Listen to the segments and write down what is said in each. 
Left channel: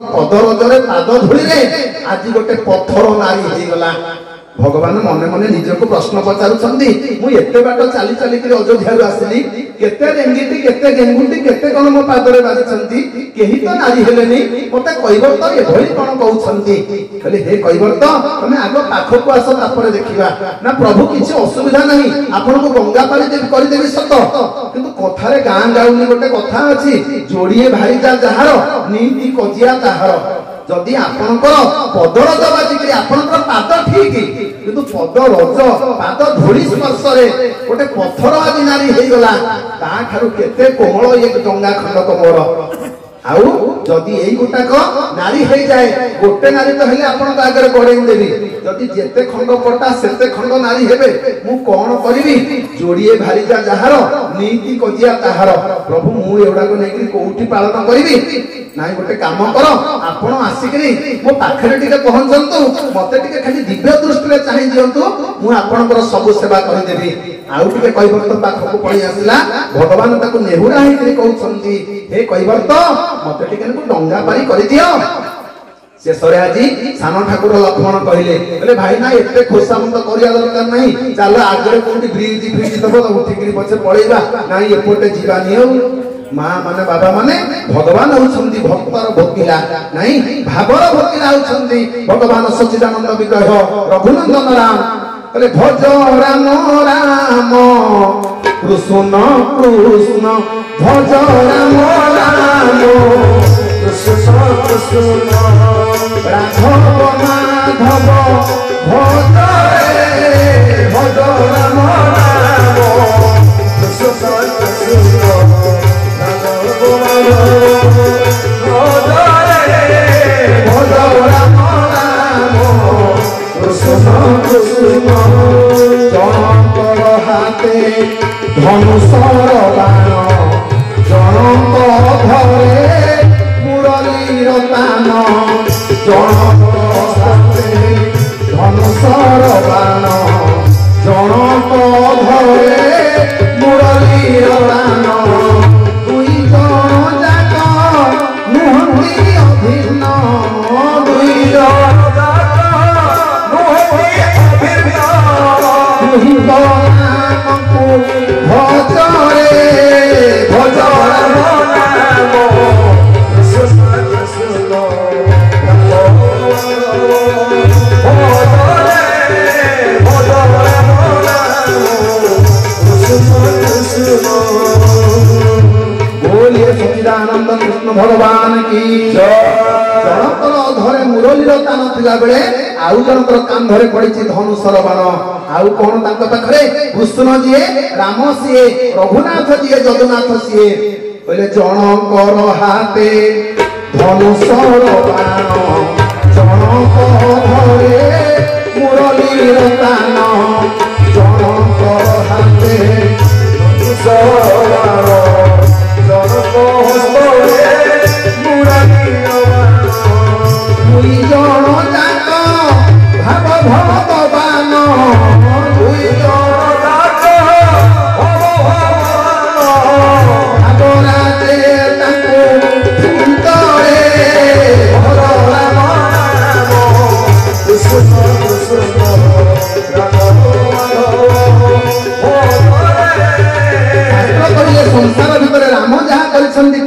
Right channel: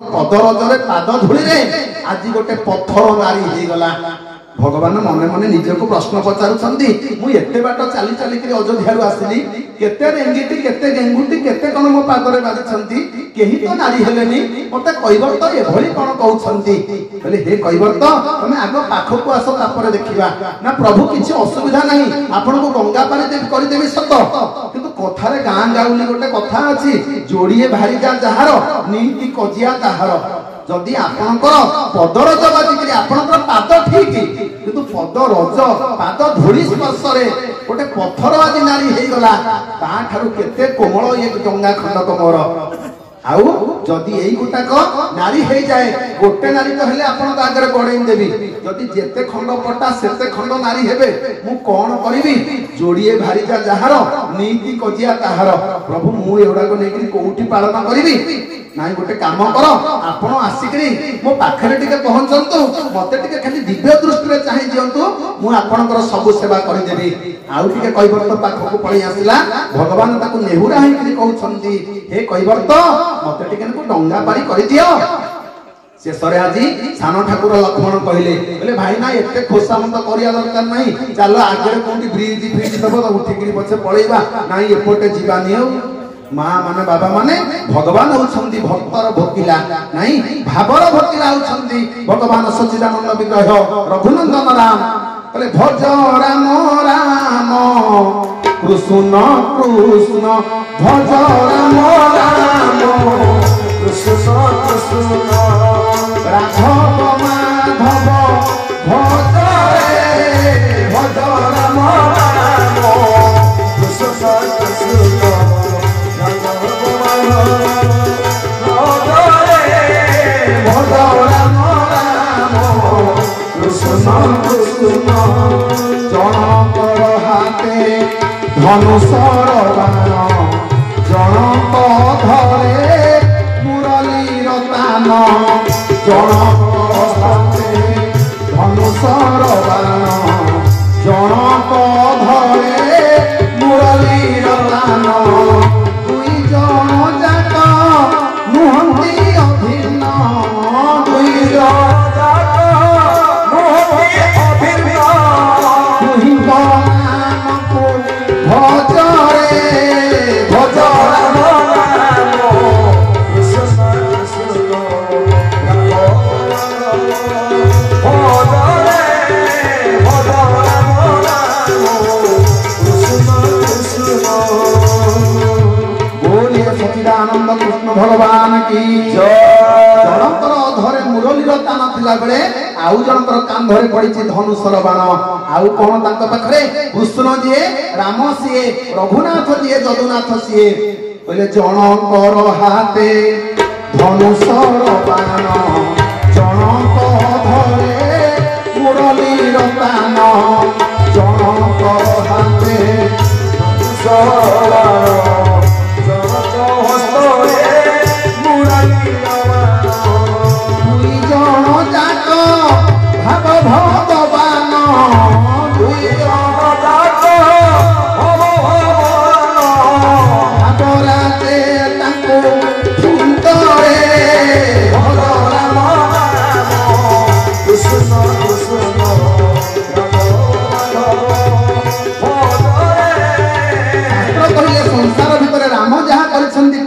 पदरजरे पाद धूली आज गोटे पत्थर नारी हो गला। भगवान मने मने निजको प्रश्न पचारुछंती मु एते बाट चाली चाली के अयोध्या रु आसिली केते रेंगीटी केते गेंगुटी केते कोन मो पादरे बाजिछंती केही तो नारी हेलेनी मते कइबर तो ए भली कोन कहउछंती कहले हे कइबर तो तमे आगो पाखो को आसो तापर देखिबा ना प्रभु किछि असुविधा नहीं आपन को गंगा पानी कर देबी सत किंतु कथारे गां गाउनी गोटे कथा अछि जोड़िए भारी जा जहार नीति कजिया ताहार जदि आपनकर पदरज बाजिकरी आपनकर पाद ठीक किंतु पदरज पाद धूली स्पर्श रे गोटे पत्थर आदि नारी हे गला ता ठारू केते कोमल एक गंगा खंडक मोर आउ जदि एई गोटाक नारी हे जाए गोटे नारी तो हेले आपन आगे गड़ेई देबी जदि जेते खंड पटा सेते खंड नारी हेबे मु कोन करिवि जोड़िए भारी जा जहार नीति कजिया ताहार प्रभु मु एउडा को नेकरी कोउठी पालन करिवि नाई गोटे काम कर आपण आसिकरी मो पाखरे टिके पहुंचंतु मते टिके खाली दिव्य दृष्टि रे चाहि दियंतु मु आपनकर सब सेवा करि देबी आउ टिके कइबर तो पाखो को पळी आसिला भगवान ताको नेहुरा हेकरी कहउछंती हे कइबर तो मते टिके को डंगा पारी करि दियो शेषरे आज सान ठाकुर लक्ष्मण कहले भाई ना एते खोसामंत करिया दरकार नहीं चल आगे कोठी ब्रिज फ्रिज दबो तो उठिकरी पछे पळेगा नाही एपोटे जीवानी माँ माने बाबा माने भगवान होउछंती भक्तर भोकिला नहीं भावर भोकिला होउछंती भगवान सच्चिदानंद विग्रह रघुनंदन राम कहले भज राम राम कृष्ण कृष्ण भज राम राम कृष्ण कृष्ण राघव माधव भज रे भज राम राम कृष्ण कृष्ण जनकर हाथे धनुषर बाण जनक धरे मुरलीर तान जनकर हाथे धनुषर बाण जनक धरे मुरलीर तान दुई जन जाक नुहंती अभिन्न दुई जन सच्चिदानंद कृष्ण भगवान की जनकर धरे मुरलीर तान थिला बेले आउ जनकर कांधरे पड़िछि धनुषर बाण आउ कोन तांक पाखरे कृष्ण जिए राम सिए रघुनाथ जिए जगन्नाथ सिए कहले जनकर हाथे धनुषर बाण जनक धरे मुरलीर तान जनकर हाथे धनुषर बाण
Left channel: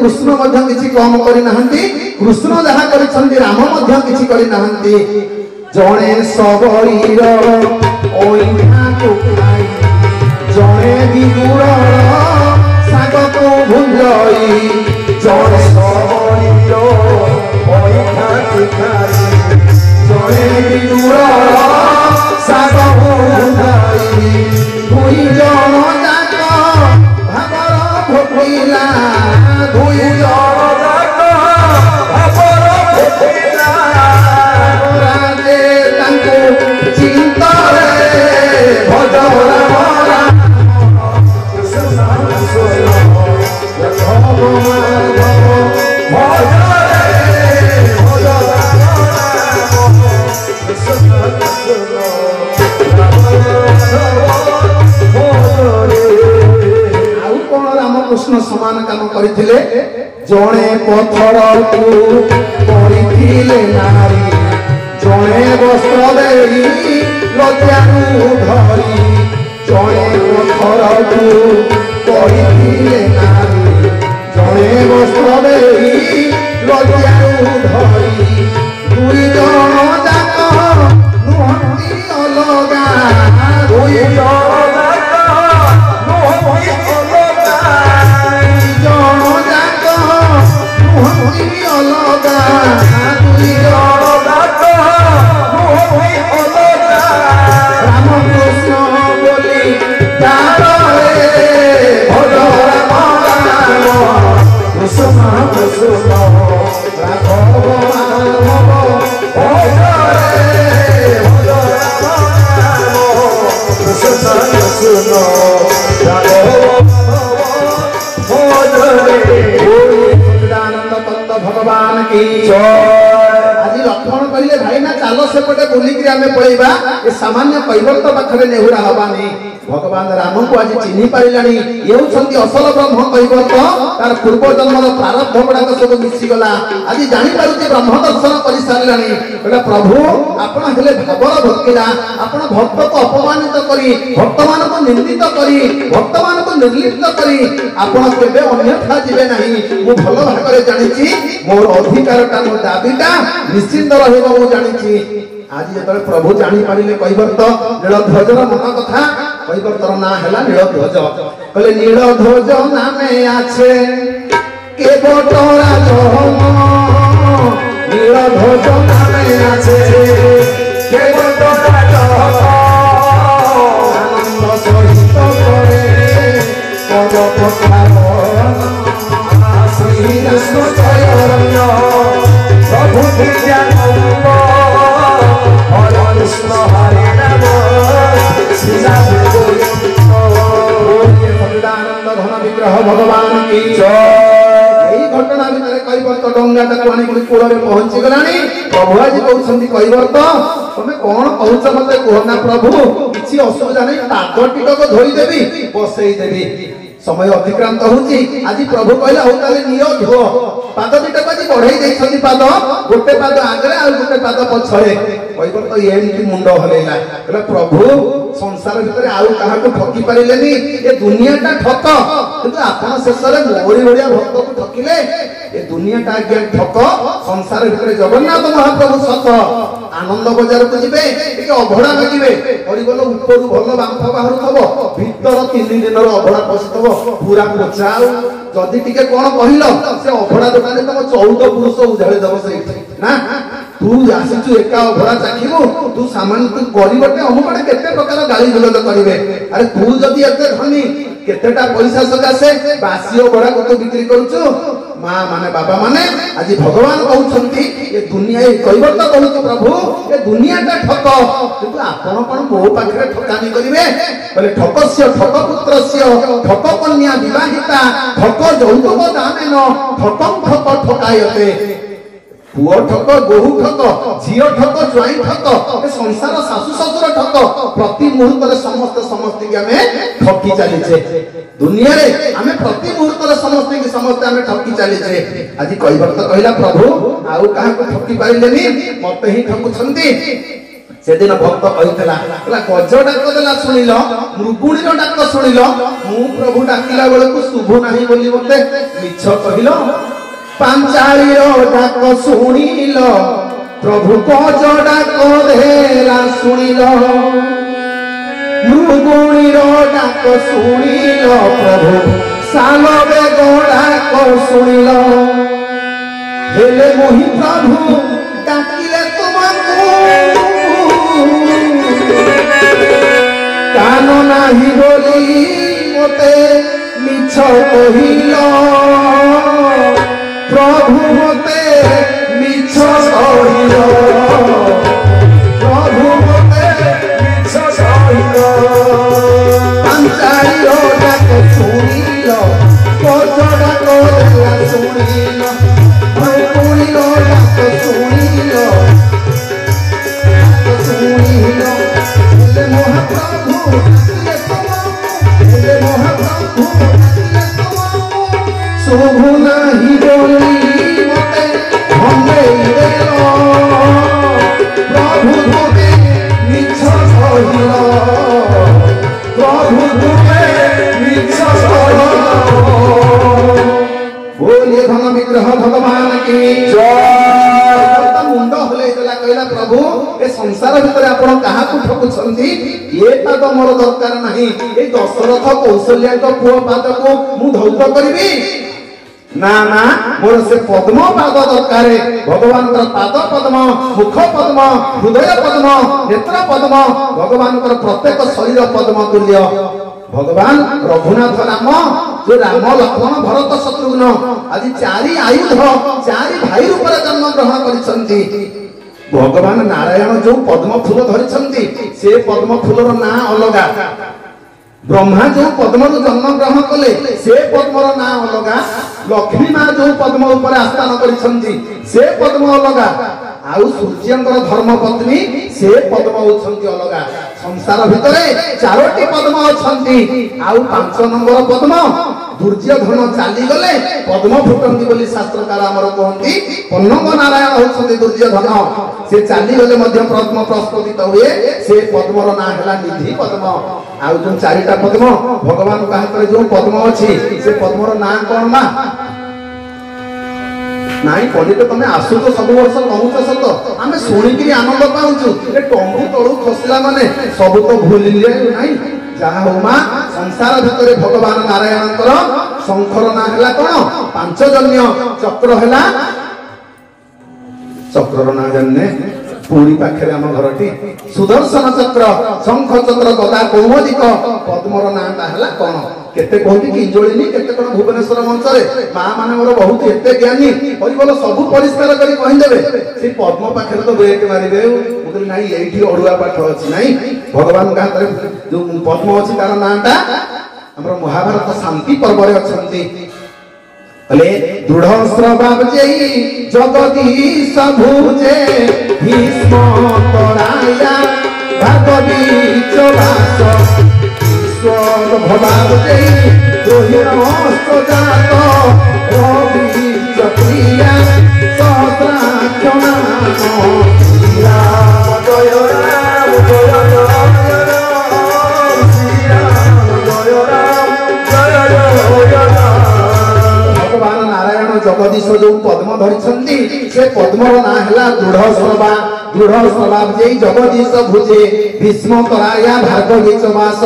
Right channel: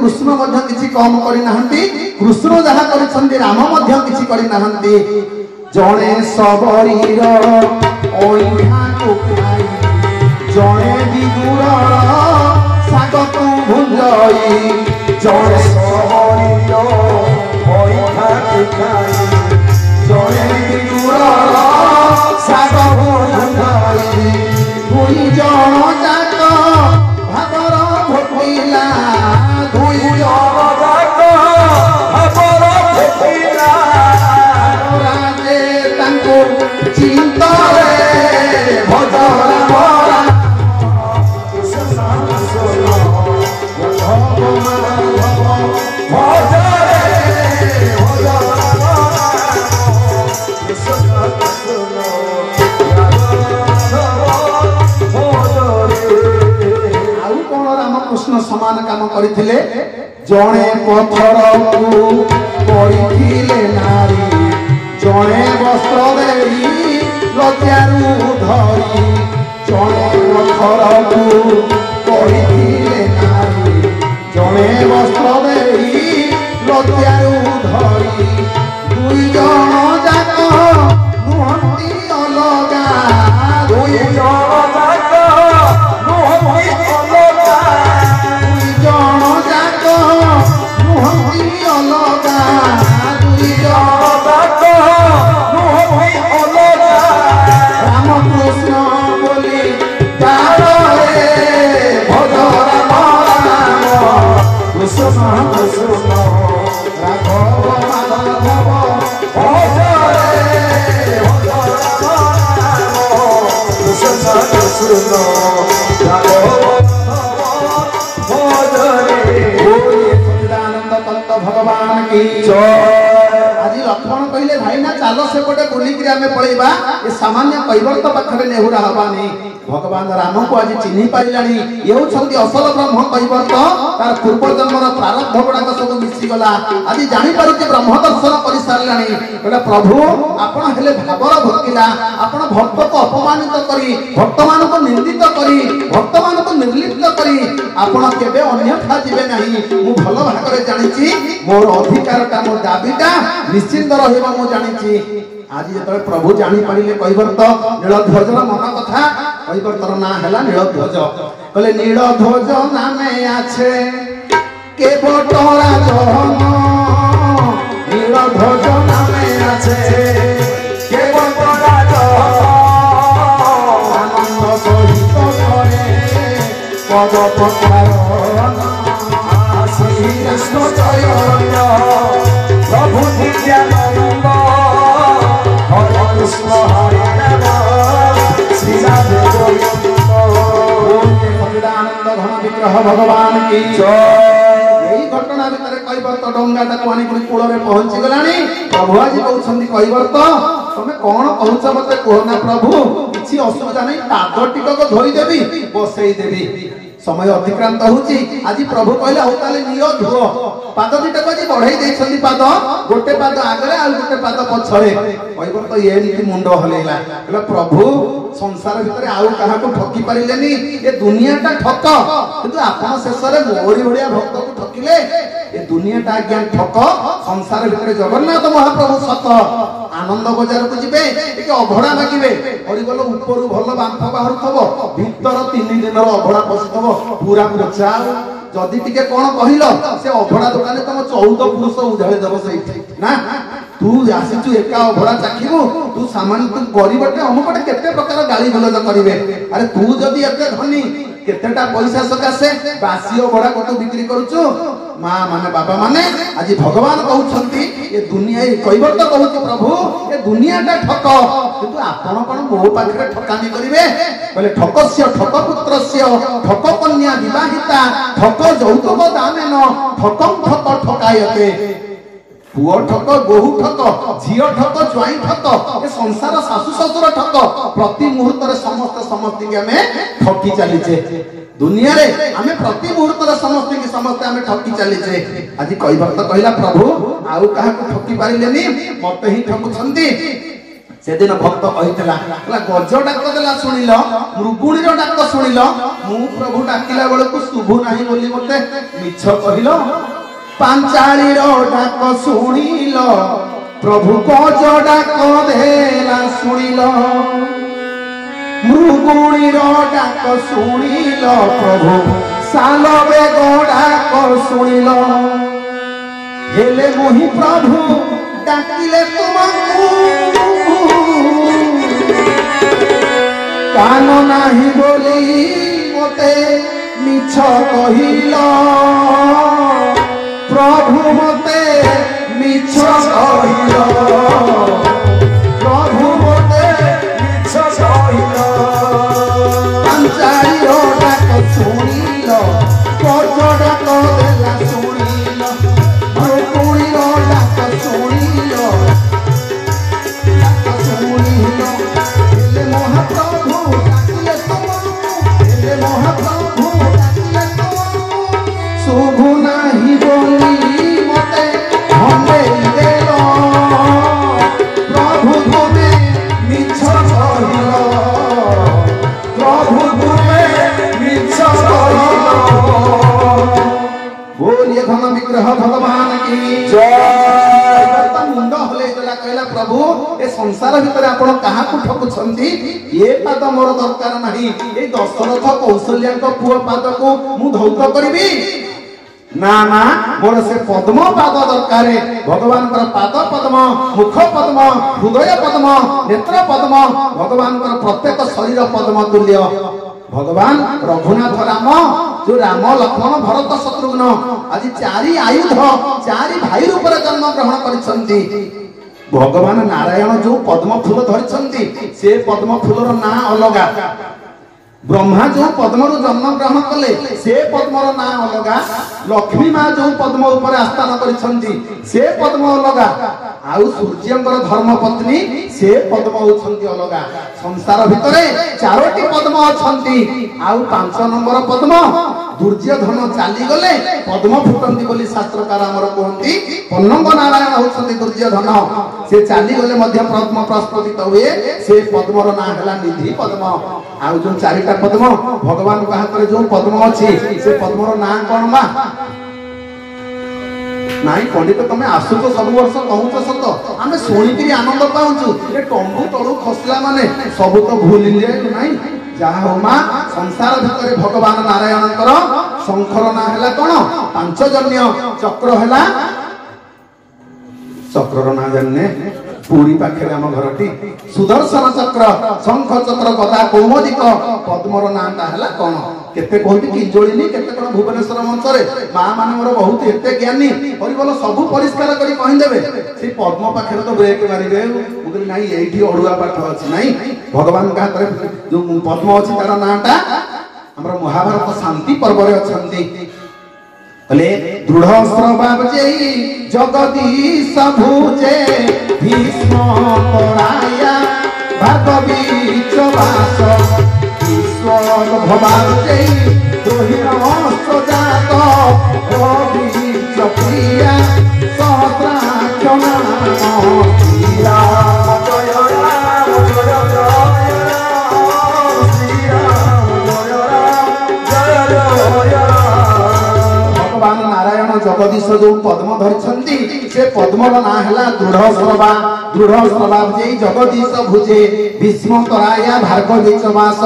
कृष्ण मध्य किछि कम करि नाहंती कृष्ण जहा करिसंती राम मध्य किछि करि नाहंती जणे सबरीर ओइठा को खाई जणे विदुर साग को भुंजई जणे सबरीर ओइठा को खाई जणे विदुर साग को भुंजई दुई जन जाक भागर भोकइला कृष्ण समान काम करथिले जणे पत्थर को କହିଥିଲେ ନାରୀ ଜଣେ ବସ୍ତ୍ର ଦେଇ ଲଜ୍ଜାରୁ ଧରି ଜଣେ ପଥରକୁ କହିଥିଲେ ନାରୀ ଜଣେ ବସ୍ତ୍ର ଦେଇ ଲଜ୍ଜାରୁ ଧରି ଦୁଇ ଜଣ ଯାକ ନୁହନ୍ତି ଅଲଗା ଦୁଇ ଜଣ ଯାକ ନୁହନ୍ତି ଅଲଗା ଦୁଇ ଜଣ ଯାକ ନୁହନ୍ତି ଅଲଗା ଦୁଇ ଜଣ ଯାକ ନୁହନ୍ତି ଅଲଗା ରାମକୃଷ୍ଣ ବୋଲି ଗାରେ ଭଜ ରାମ ରାମ କୃଷ୍ଣ କୃଷ୍ଣ ରାଘବ ମାଧବ ଭଜରେ ଭଜ ରାମ କୃଷ୍ଣ କୃଷ୍ଣ ରାଘବ ମାଧବ ଭଜରେ सच्चिदानंद तत्व भगवान की जय। आज लक्ष्मण कहले भाई ना चलो सेपटे बुलिक आम पलैबा ये सामान्य कैवर्त पाखे नेहुरा हवानी भगवान राम को आज चिन्ह पारानी ये असल ब्रह्म कैवर्त तार पूर्व जन्मर प्रारब्ध गुड़ाक सब मिशीगला आज जापर ब्रह्म दर्शन कर सारे कहला प्रभु आपण हेले भावर भक्तिरा आपण भक्त को अपमानित करी भक्त मान को निंदित करी भक्त मान को निर्लिप्त करी आपण केबे अन्यथा जिबे नहीं मु भल भागरे जानिछि मोर अधिकारटा मोर दाबीटा निश्चिंत रहबो मु जानिछि। आज जेतले प्रभु जानि पारिले कैवर्त नीलध्वजर मन कथा कैवर्तर ना हैला नीलध्वज कहले नीलध्वज नामे आछे के बटरा जहम नीलध्वज नामे आछे के बटरा जहम आनंद सहित करे पद प्रसारण श्री कृष्ण चैतन्य प्रभु नित्यानंद हरे कृष्ण हरे राम श्री राम गोविंद सच्चिदानंद घन विग्रह भगवान की जय। यही घटना भितर कैवर्त डंगाटा पानी कूल में पहुंची गलानी प्रभु आज कहते कैवर्त तुम कौन कहूच मत कहना प्रभु किसी असुविधा नहीं पाद टिकक धरीदेवी बसई देवी समय अतिक्रांत होची आज प्रभु कहला हो ताले नियो धो पाद दिटा आज बढ़ाई देछथि पाद गोटे पाद आगरे आ गोटे पाद पछरे कहबो तो एमती मुंड हलेला कहला प्रभु संसार भितर आउ काहा को ठकी पारिलेनी ए दुनियाटा ठक किंतु आपण शेषरे मोरी भलिया भक्त को ठकिले ए दुनियाटा आज्ञा ठक संसार भितर जगन्नाथ महाप्रभु सत आनंद बजार को जिबे एक अभड़ा मागिबे पड़िगल ऊपर भल बांफ बाहर थबो भीतर 3 दिन अभड़ा पसिथबो पूरा पोचाउ जदि टिके कोन कहिलो से अभड़ा दुकान तम 14 पुरुष उधाळे दबो सही ना तू आसीचु एका अभड़ा चाखिबो तू सामान तू गरीबटे हमपटे केते प्रकार गाली गलत करिवे अरे तू जदि एते धनी केतेटा पैसा सकासे बासी अभड़ा को तो बिक्री करछु मां माने बाबा माने आज भगवान कहउछंती ये दुनिया ये कैवर्त कहउछ प्रभु ये दुनियाटा ठक किंतु आपण कोन मो पाखरे ठकानी करिवे बोले ठकस्य ठक पुत्रस्य ठक कन्या विवाहिता ठक जौतुक दानेन ठकं ठक ठकायते पुओ ठक बहु ठक झियो ठक ज्वाई ठक ए संसार सासु ससुर ठक प्रति मुहूर्त रे समस्त के हमें ठकी चलीचे दुनिया रे हमें प्रति मुहूर्त रे समस्त हमें ठकी चलीचे आज कैवर्त कहला प्रभु आउ काहा को ठकी पाइलेनी मते ही ठकुछंती से दिन भक्त कहितला गज डाक देला सुनिल मृगुणी रो डाक सुनिल मु प्रभु डाकिला बेले को शुभ नाही बोली मते मिछ कहिलो पांचाली रो डाक सुनिल प्रभु गज डाक देला सुनिल मृगुणी रो डाक सुनिल प्रभु सालो बेग डाक सुनिल हेले मोहि प्रभु डाकिले तुमको कान नाही बोली मते मिछ कहिल प्रभु मते मिछ कहिल प्रभु मते मिछ कहिल पंचायो डाक सुनिल कोचड़ा कोला सुनिल भूपुरी डाक सुनिल सुनिल ले महाप्रभु डाकिले तुमको ले महाप्रभु डाकिले तुमको शुभ अनुग्रह भगवान की जय। मुंड हलैदेला कहला प्रभु ए संसार भितर आपण काहाकू ठकुछंती ये पाद मोर दरकार नाही ए दशरथ कौशल्या पुओ पाद को मु धौत करिवि ना ना मोर से पद्म पाद दरकार भगवान पाद पद्म मुख पद्म हृदय पद्म नेत्र पद्म भगवान प्रत्येक शरीर पद्म तुल्य भगवान रघुनाथ राम जो राम लक्ष्मण भरत शत्रुघ्न आदि चारि आयुध चारि भाई रूप जन्म ग्रहण करिसंती भगवान नारायण जो पद्म फूल धरिसंती से पद्म फूलर ना अलगा ब्रह्मा जो पद्म जन्म ग्रहण कले से पद्मर ना अलगा लक्ष्मी माँ जो पद्म ऊपर आस्थान करिसंती से पद्म अलगा आउ सूर्यंकर धर्म पत्नी से पद्म होछंती अलगा संसार भितरे चारोटी पद्म अछंती आउ 5 नंबर पद्म दुर्योधन चाली गले पद्म फुटंती बोली शास्त्रकार हमर कहंती पन्नंग नारायण होछंती दुर्योधन से चाली गले मध्य पद्म प्रस्फुटित हुए से पद्मर ना हला निधि पद्म आउ जो चारिटा पद्म भगवान का हाथ जो पद्म अछि से पद्मर ना कोन मा नाई पंडित तुम आसु तो सब वर्ष कहूच सत आम शुणिकी आनंद पाऊँ टंगू तलू खसला माने सब तो भूल नाई जहा हो माँ संसार भितर भगवान नारायण शंखर ना है कौन पांचजन्य चक्र है चक्र ना जाने पूरी पाखे आम घरटी सुदर्शन चक्र शंख चक्र गदा कौमोदिक पद्मर नाटा है कौन केते कहती किंजोलिनी केते कोन भुवनेश्वर मंचरे माँ माने मोर बहुत एते ज्ञानी परिबल सब परिष्कार करी कहि देबे से पद्म पाखे तो ब्रेक मारिबे मुकली नाही एठी अडुआ पाठ अछि नाही भगवान का हाथ जो पद्म अछि तार नाटा हमर महाभारत शांति पर्व रे अछंती तले दृढ़ स्वभाव जेई जगदीश भुजे भीष्म तराया भागवीच वास ईश्वर भवान जेई रोहिण सजात अभीच प्रिया सहस्राक्ष नाम राम जय राम जय जय राम श्री राम जय राम जय जय भगवान नारायण जगदीश जो पद्म धरिछंती से पद्मर ना हला दृढ़ स्वभाव जे जगदीश भुजे भीष्म तराया भार्गवी च मास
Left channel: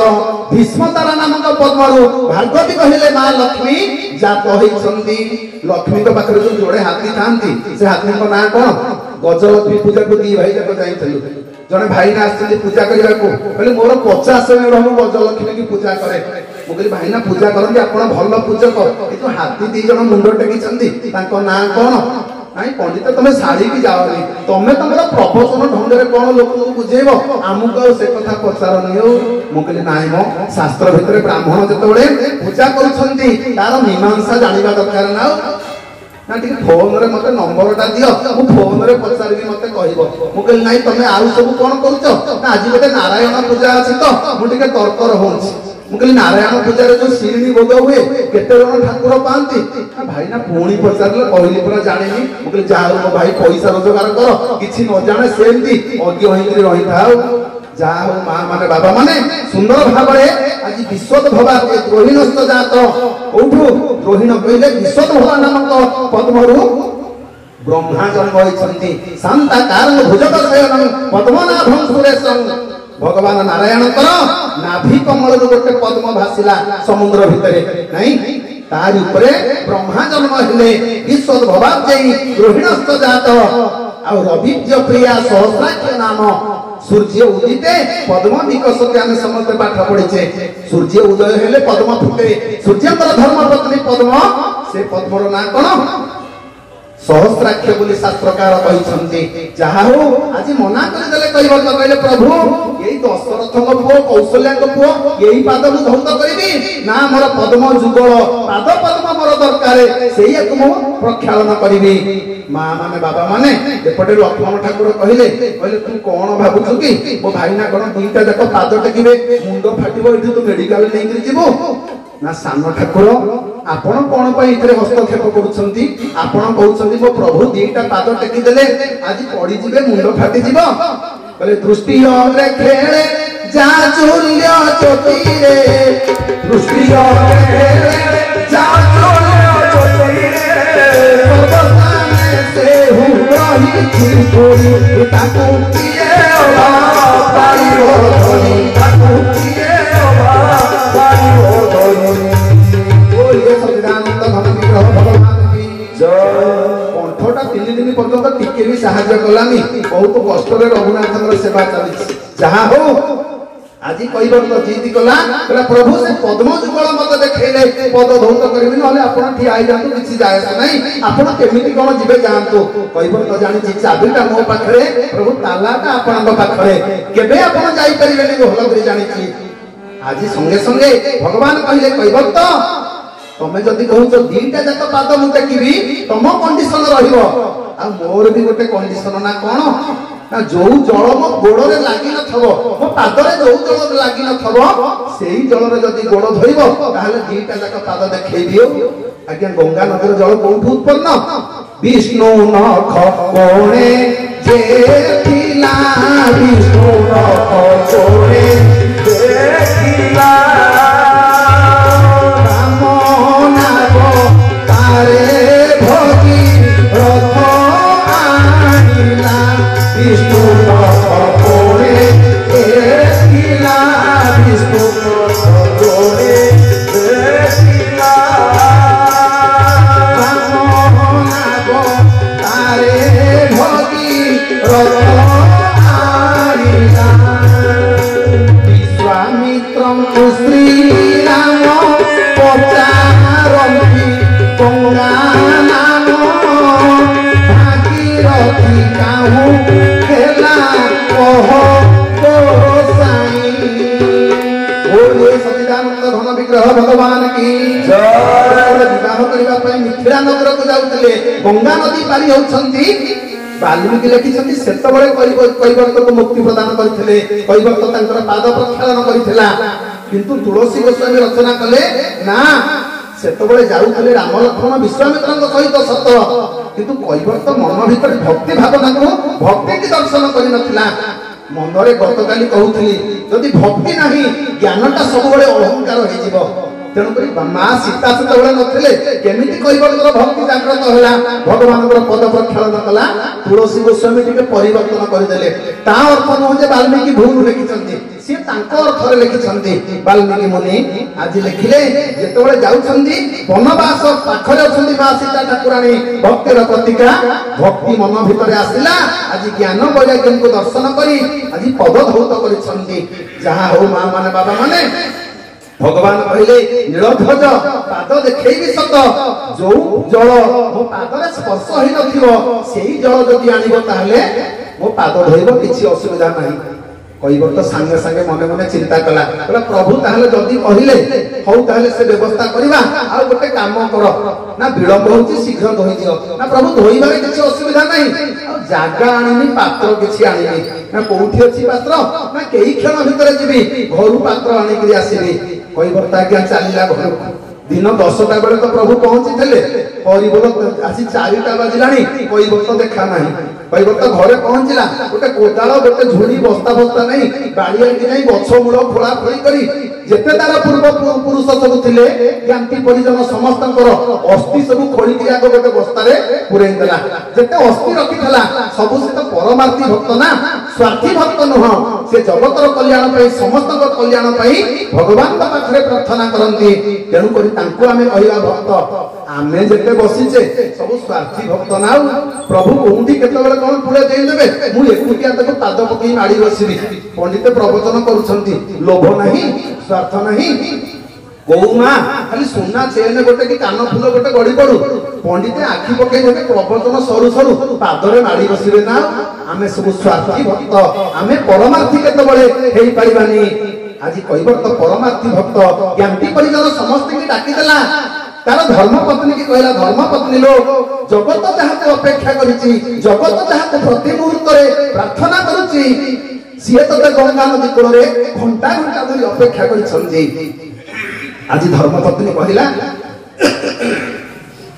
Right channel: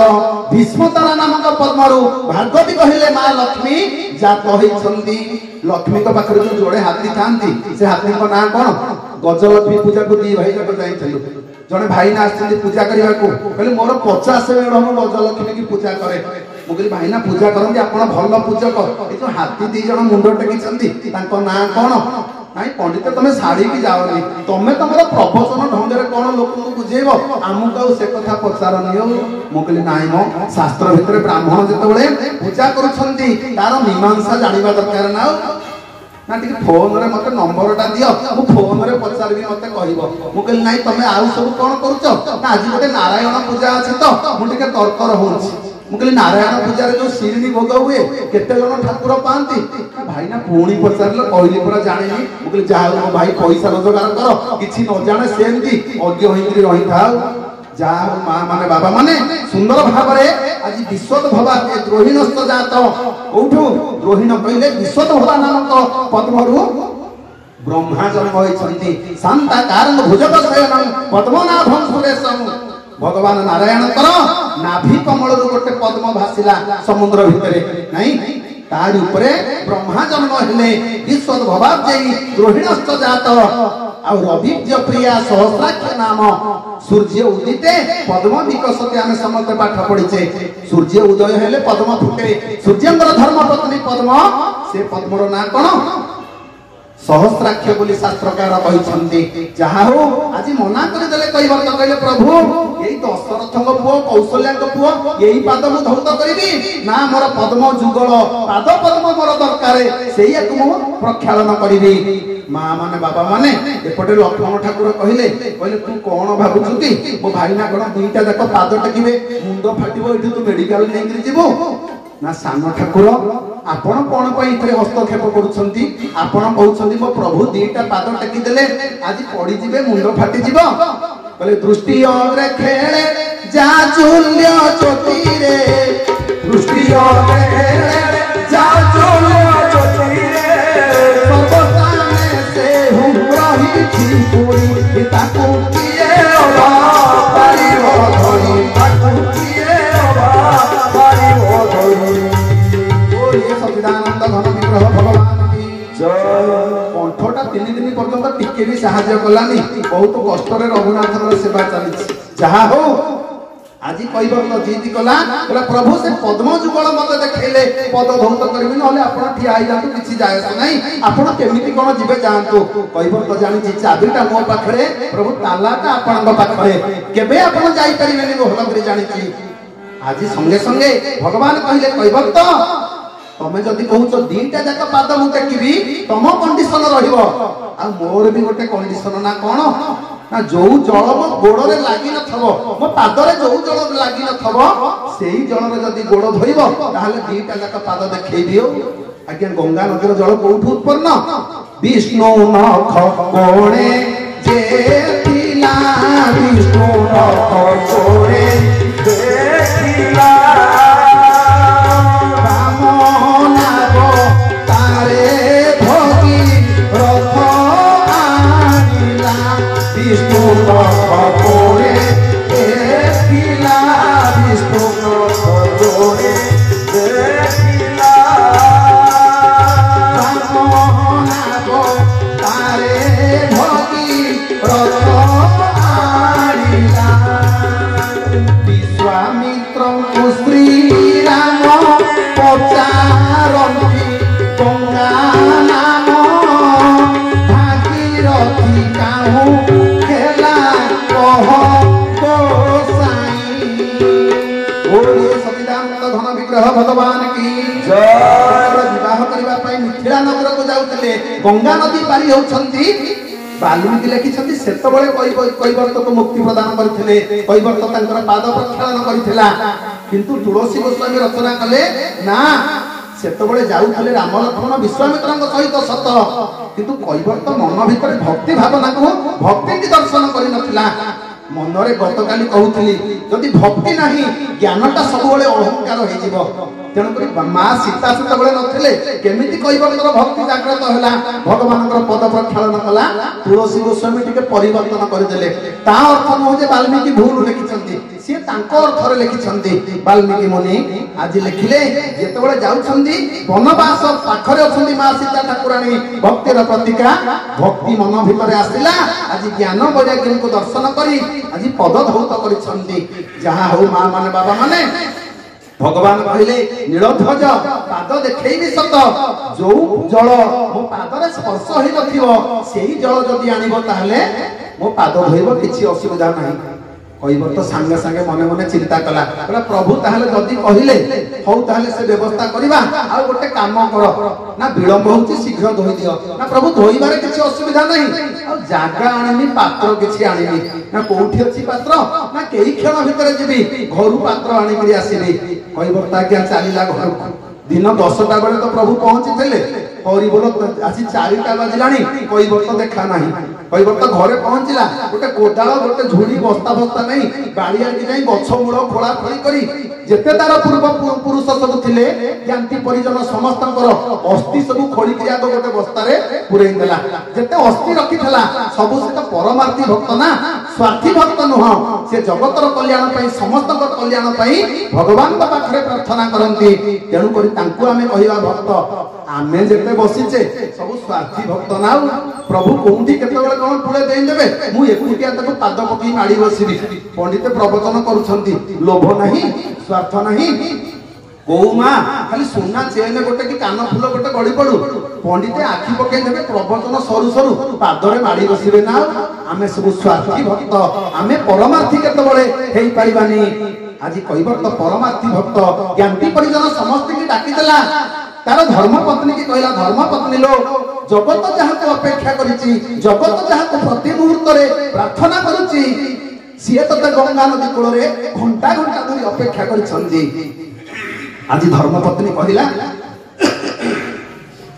भीष्म तारा नामक पद्मरु भार्गवी कहले मां लक्ष्मी जात होइछंती लक्ष्मी तो पाखरे जो जोड़े हाथी थांती से हाथी को ना कोन गजलक्ष्मी पूजा को दी भाई जाको जाइथलु जने भाई ना आछंती पूजा करिया को कहले मोर 50 मेढ़ हम गजलक्ष्मी की पूजा करे मुगली भाई ना पूजा करंती आपण भल पूजक ए तो हाथी दी जण मुंड टेकिछंती ताको ना कोन नाई पंडित तुम साड़ी की जाओनी तुम तुम प्रवचन ढंग से कौन लोक बुझेब आमको से कथा पचारनी मुझे नाई मो शास्त्र भितर ब्राह्मण जो पूजा कर मीमांसा जानवा दरकार ना ना टी फोन रे मते नंबर टा दियो मु फोन रे पचारबी मते कहइबो मु कहली नाही तमे आउ सब कोन करूछ ना आज गोटे नारायण पूजा अछि तो मु टिके तर्क रहउछि मु कहली नारायण पूजा रे जो शिरणी भोग हुए केते जण ठाकुर पांती भाई ना पुणी पचारले कहली पूरा जानिनी मु कहली जाओ मो भाई पैसा रोजगार कर किछि न जाने सेमती अज्ञ होइकरी रहि थाओ जाओ मां माने बाबा माने सुंदर भाबरे आज विश्वत भवा के द्रोहिणस्त जात ओठु द्रोहिण कहले विश्वत भवा नामक पद्मरु ब्रह्मा जन्म होइछंती शांता कारण भुजग शयन पद्मनाभं सुरेशं भगवान नारायण नाभि कमल गोटे पद्म भासिला समुद्र भितरे नहीं तार उपरे ब्रह्मा जन्म हेले विश्वत भवाब जेई रोहिणस्त जात आ रविज प्रिया सहस्राक्ष नाम सूर्य उदिते पद्म विकसते आमे समस्त पाठ पढिचे सूर्य उदय हेले पद्म फुटे सूर्यंकर धर्म पत्नी पद्म से पद्मर ना कोन सहस्राक्ष बोली शास्त्रकार कहिसंती जहा हो आज मना करि देले कहिबो तो कहले प्रभु एई दशरथक पुओ कौशल्याक पुओ एई पाद मु धौत करिबी ना मोर पद्म जुगल पाद पद्म मोर दरकारे सेई एक मु प्रक्षालन करिबी मां माने बाबा माने एपटे लक्ष्मण ठाकुर कहले कहले तू कोन भाबुछु कि मो भाई ना कोन दुईटा जाक पाद टेकिबे मुंड फाटिबो एठी तू मेडिकल नेइकरी जीवो ना सान ठाकुर आपण कोन पई इतरे हस्तक्षेप करूछंती आपण कहउछंती मो प्रभु दीटा पाद टेकी देले आज पड़ी जिवे मुंड फाटी जीवो कहले दृष्टि और खेले जा चूल्य चोटी रे दृष्टि और खेले जा चूल्य चोटी रे ଟିକେ भी साहाଯ୍य कलानी बहुत कष्ट रघुनाथ सेवा चली जहा हो आज कैवर्त जीत कला प्रभु से पद्म जुगल मत देखले पद धौत करेंगे ना आपड़ ठिया जातु किसी जाए नहीं आपड़ केमी कौन जीवे जातु कैवर्त जानी चाबिटा मो पाखे प्रभु तालाटा आपण पाखे केबे आपण जाई परिबेनी भल कर जानी आज संगे संगे भगवान कहले कैवर्त तमे जदि कहूच दीटा जाक पाद मु टेकिबी तम कंडीशन रहिबो आ मोर भी गोटे कंडीशन ना कोन ना जो जल मो गोड़ रे लागि नथबो मो पाद रे जो जल लागि नथबो सेही जल रे जदि गोड़ धरिबो ताहले दीटा जाक पाद देखै दियो आज्ञा गंगा नदीर जल कोठु उत्पन्न विष्णु नख कोणे जे थिला विष्णु नख कोणे देखिला भगवान की विवाह करने मिथिला नगर को जाऊे गंगा नदी पारी होती वाल्मीकि लिखिं से कैवर्त को मुक्ति प्रदान करते कैवर्त पाद प्रक्षालन करता किंतु तुलसी गोस्वामी रचना कले ना सेतबळे जाउथले राम लक्ष्मण विश्वामित्रଙ୍କ सहित सत किंतु कैवर्त मन भीतर भक्ति भावना को भक्ति की दर्शन करि नथिला मनरे गतकाली कहूथली जदि भक्ति नाही ज्ञानटा सबबळे अहंकार होई जिवो तेणु करी मां सीता सेतबळे नथिले केमिति कैवर्तर भक्ति जागृत होला भगवानଙ୍କର पद प्रक्षालन कला तुलसी गोस्वामी टिके परिवर्तन करदेले ता अर्थ न जे वाल्मीकि भूल लिखिसंती से तांको अर्थ रे लिखिसंती वाल्मीकि मुनि आज लिखिले जेतबळे जाउछंती वनवास पाखरे अछंती मां सीता ठाकुराणी भक्तिर प्रतीका भक्ति मन भितरे आसिला आज ज्ञान वैराग्य को दर्शन करी आज पद धौत करिसंती जहा हो मां माने बाबा माने भगवान कहले नीलध्वज पाद देखैबी सत जो जल मो पादरे स्पर्श होई नथिबो सेही जल जदि आनिबो ताहले मो पाद धोइबो किछि असुविधा नाही कैवर्त सांगे सांगे मने मने चिंता कला प्रभु ताहले जदि कहिले हौ ताहले से व्यवस्था करिबा आ गोटे काम कर ना विलंब होची शीघ्र धोइ दियो ना प्रभु धोइबारे किछि असुविधा नाही आ जागा आनिनी पात्र किछि आनिनी ना कोठी अछि पात्र ना केही क्षण भितरे जिबी घरु पात्र आनि करी आसीबी कैवर्त आज्ञा चलिला घर दिन 10टा बेले तो प्रभु पहुंची परिबल आज 4टा बाजिलानी कैवर्त देखा नाही कैवर्त घरे पहुंचला गोटे कोदाल गोटे झुली बस्ता बस्ता नहीं बाड़िया कि नहीं गछ मूल खोला खोली करी जेते तार पूर्व पुरुष सब थिले ज्ञाति परिजन समस्तंकर अस्थि सब खोली कि आगो गोटे बस्तारे पुरई देला जेते अस्थि रखिथला सब से तो परमार्थी भक्त ना स्वार्थी भक्त नुह से जगतर कल्याण पई समस्तंकर कल्याण पई भगवान का पाखरे प्रार्थना करंती तेणु करी तांको आमे कहिबा भक्त आमे जेते बसिचे सब स्वार्थी भक्त ना प्रभु कोंठी केतबेले कोन फुले देई देबे मु एकुटिया तको पाद पकई माडी बसिबी पंडित प्रवचन करूछंती लोभ नहीं स्वार्थ नहीं गौमा खाली सोना चेन गोटे कि कान फूल गोटे गड़ी पड़ू पंडित आखि पकई देबे प्रवचन सरू सरू पादरे माडी बसिबे ना आमे सब स्वार्थी भक्त आमे परमार्थी केतबेले हेई पारिबानी आज कैवर्त परमार्थी भक्त ज्ञाति परिजन समस्त की डाकी देला तार धर्मपत्नी की कहला धर्मपत्नी लो जगत जहाको अपेक्षा करिछि जगत जहाको प्रति मुहूर्त रे प्रार्थना करूछि सिए तते गंगा नदी कोल रे घंटा घंटा धरि अपेक्षा करिछन्ती आज धर्मपत्नी कहला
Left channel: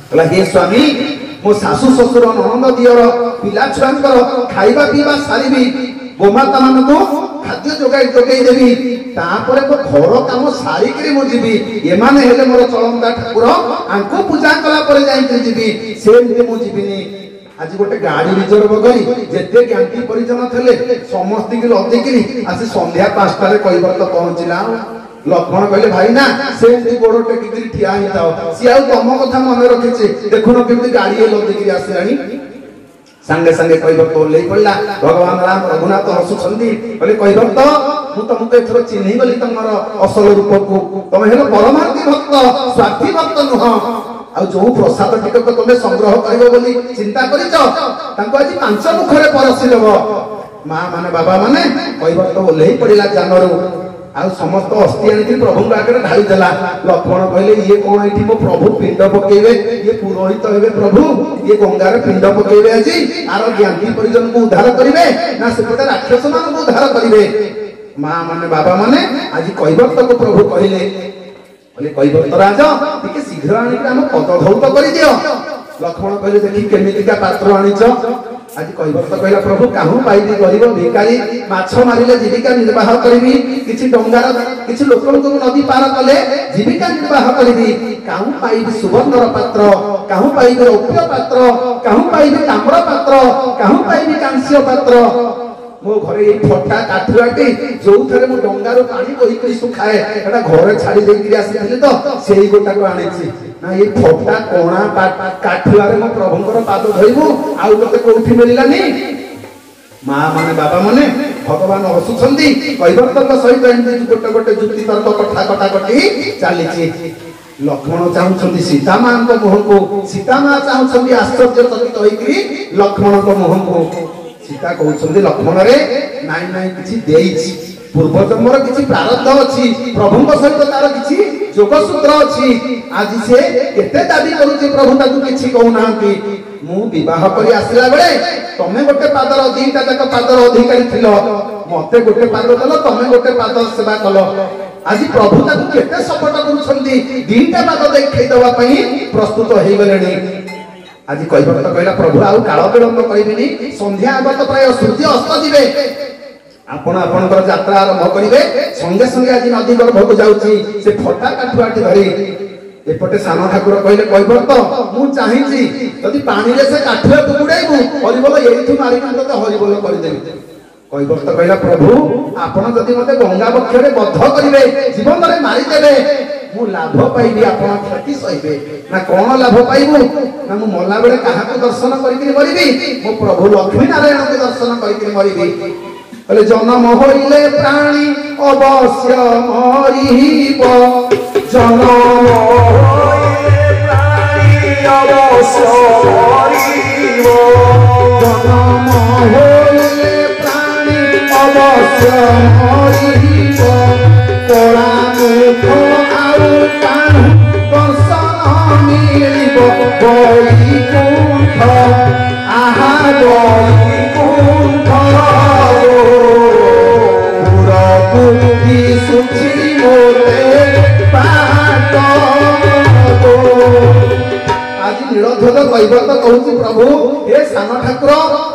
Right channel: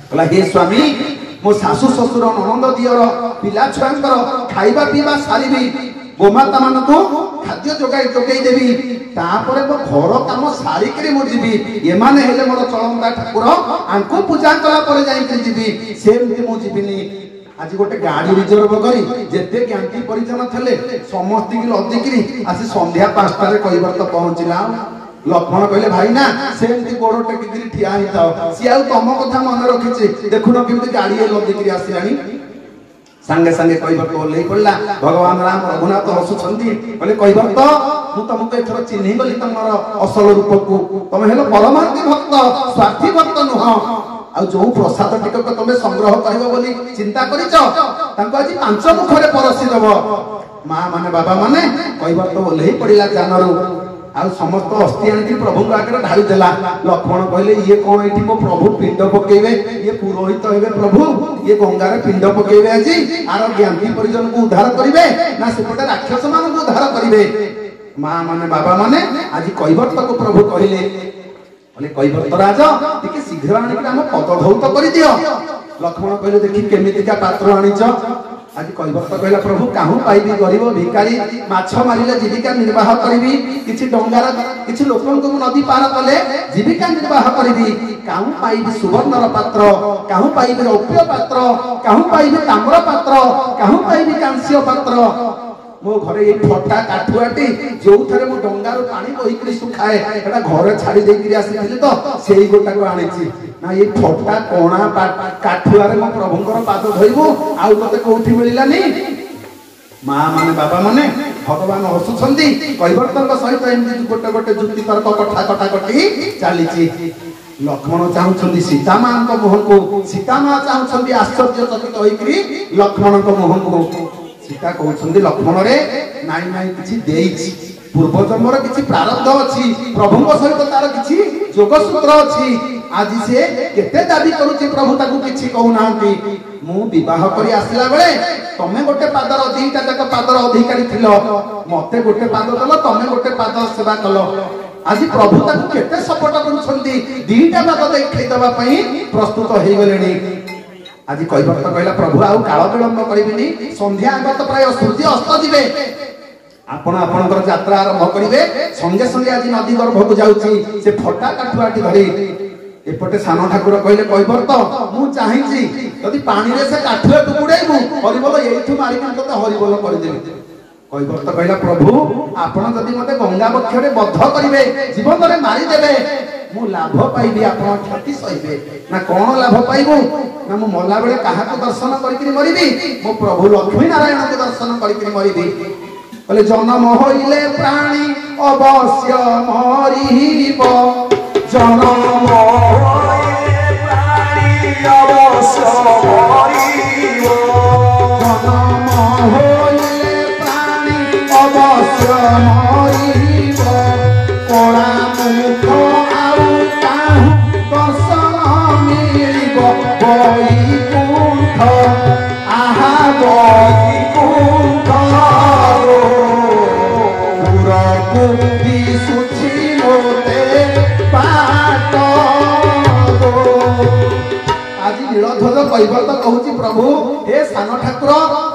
कहला हे स्वामी मो सासु ससुर ननंद दियर पिला छुआंकर खाइबा पीबा सारिबी गोमाता मानको खाद्य जोगाई देवी तापर घर काम सारिक मुझी एमाने हेले मोर चलंदा ठाकुर आंको पूजा कला पर जाई जीवी सेमती मु जीविनी आज गोटे गाड़ी रिजर्व करी जेते ज्ञाति परिजन थले समस्त की लदिकी आसी संध्या 5टा रे कैवर्त पहुंचला लक्ष्मण कहले भाई ना सेमती गोड़ टेकी ठिया ही थाओ सी आ तुम कथा मन रखिछे देखुन केमती गाड़ी लदिकी आसिलानी सांगे सांगे कैवर्त ओल्लै पड़ा भगवान राम रघुनाथ हसुछंती कहले कैवर्त मु तुमको एथर चिन्हि गली तुमर असल रूप को तुम हेलो परमार्थी भक्त स्वार्थी भक्त नुह आ जो प्रसाद टिकक तुम संग्रह करियो बोली चिंता करिछ तांको आज 5 मुखरे परसी देबो मां माने बाबा माने कैवर्त ओल्लै पड़िला जानरू आ समस्त अस्थि आनी प्रभु आगे ढाई देला लक्ष्मण कहले ये कौन ये मो प्रभु पिंड पकेबे ये पुरोहित हेबे प्रभु ये गंगार पिंड पकेबे आज आर ज्ञानी परिजन को उद्धार करिवे ना सेपटे राक्षस मान को उद्धार करिवे मां माने बाबा माने आज कैवर्त को प्रभु कहले बोले कैवर्त राजा टिके शीघ्र आनी हम पद धौत कर दियो लक्ष्मण कहले देखि केमितिका पात्र आनीछ आज कैवर्त कहला प्रभु काहू पाइबी गरीब भिकारी माछ मारिले जीविका निर्वाह करिबी किछि डंगार किछि लोकनको नदी पार कले जीविका निर्वाह करिबी काहू पाइबी सुवर्णर पात्र काहू पाइबी रौप्य पात्र काहू पाइबी ताम्र पात्र काहू पाइबी कांस्य पात्र मो घरे ये फटा काठुआटी जो थरे मो डंगारो पानी बोहिकरी सुखाए एटा घरे छाड़ी देकरी आसीथिले तो सेही गोटा को आनेछि ना ये फटा कोणा काठुआरे मो प्रभुंकर पाद धोइबु आउ तते कोठी मिललानी मां माने बाबा माने भगवान हसुछंती कैवर्तक सहित एमती गोटे गोटे जुक्ति तर्क कथा कटा कटी चलीछि लक्ष्मण चाहुछंती सीता मां को मुह को सीता मां चाहुछंती आश्चर्य चकित होइकरी लक्ष्मण को मुह को सीता कहउछंती लक्ष्मण रे नाइ नाइ किछि देइछि पूर्व जन्मर किछि प्रारब्ध अछि प्रभुଙ୍କ सहित तार किछि जोगसूत्र अछि आज से केते दाबी करूछि प्रभु ताकू किछि कहू नांती मु विवाह करी आसिला बेले तमे गोटे पादर दीटा तक पादर अधिकारी थिलो मते गोटे पाद दलो तमे गोटे पाद सेवा कलो आज प्रभु ताकू केते सपोर्ट करूछंती दीटा पाद देखै दवा पई प्रस्तुत होई गलेनी आज कैवर्त कहला प्रभु आउ काल विलंब करिबेनी संध्या आगत प्राय सूर्य अस्त दिबे आपण आपनकर यात्रा आरंभ करिवे संगे संगे आज नदी गर्भक जाउची से फटा काठुआटी धरि एपटे सान ठाकुर कहले कैवर्त मु चाहिछि यदि पानी रे से काठुआ टुकुडाइबु हरिबोल एइठु मारि के तो हरिबोल करि देबे कैवर्त कहला प्रभु आपण जदि मते गंगा बक्षरे बद्ध करिवे जीवन रे मारि देबे मु लाभ पाइबी आपण क्षति सहिबे ना कोन लाभ पाइबु ना मु मल्ला बेले काहा को दर्शन करिकरी मरिबी मु प्रभु लक्ष्मी नारायण को दर्शन करिकरी मरिबी कहले जन्म होइले प्राणी अवश्य मरिब जन्म होइले प्राणी अवश्य मरिब जन्म होइले प्राणी अवश्य मरिब कोड़ा मुख आउ काहू दर्शन मिलिब बैकुंठ आहा बैकुंठ आज नीलध्वज कैवर्त कहूची प्रभु हे सान ठाकुर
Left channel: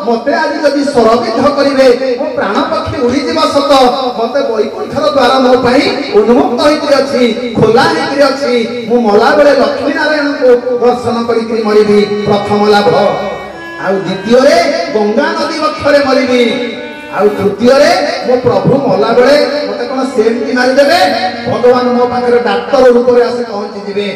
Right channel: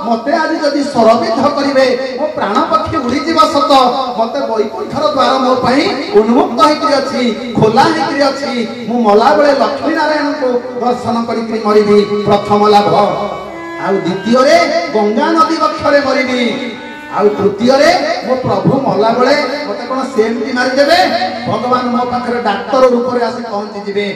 मते आज जदि सरबिध करिवे मो प्राण पक्षी उड़ी जीवा सत मते बैकुंठर द्वार मो पई उन्मुक्त होइकरी अछि खोला होइकरी अछि मु मला बेले लक्ष्मी नारायण को दर्शन करिकरी मरिबी प्रथम लाभ आ द्वितीय रे गंगा नदी वक्षरे मरिबी आ तृतीय रे मो प्रभु मला बेले मते कोन सेमती मारि देबे भगवान मो पाखरे डाक्टर रूप रे आसी पहुंची जिवे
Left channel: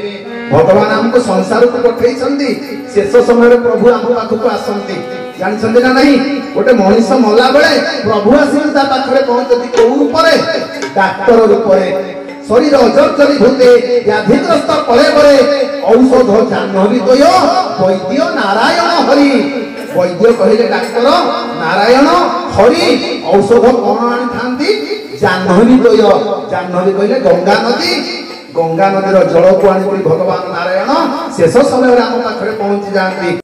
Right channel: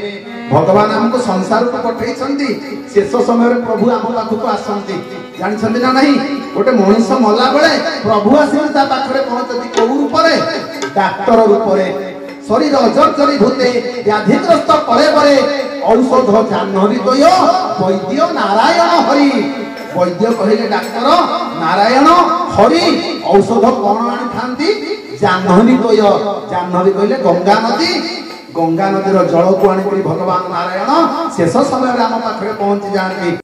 भगवान हमको संसार को पठै छंती शेष समय रे प्रभु हम पाखु को आसंती जानि छंती ना नहीं गोटे मनुष्य मला बेले प्रभु आसी ता पाखरे पहुंचती को रूप रे डाक्टर रूप रे शरीर अजर्जरी भूते व्याधिग्रस्त परे परे औषध जाह्नवी तय वैद्य नारायण हरि वैद्य कहले डाक्टर नारायण हरि औषध कौन आनी थांती जाह्नवी तय जाह्नवी कहले गंगा नदीर जल को आनी भगवान नारायण शेष समय आम पाखे पहुंची जाती।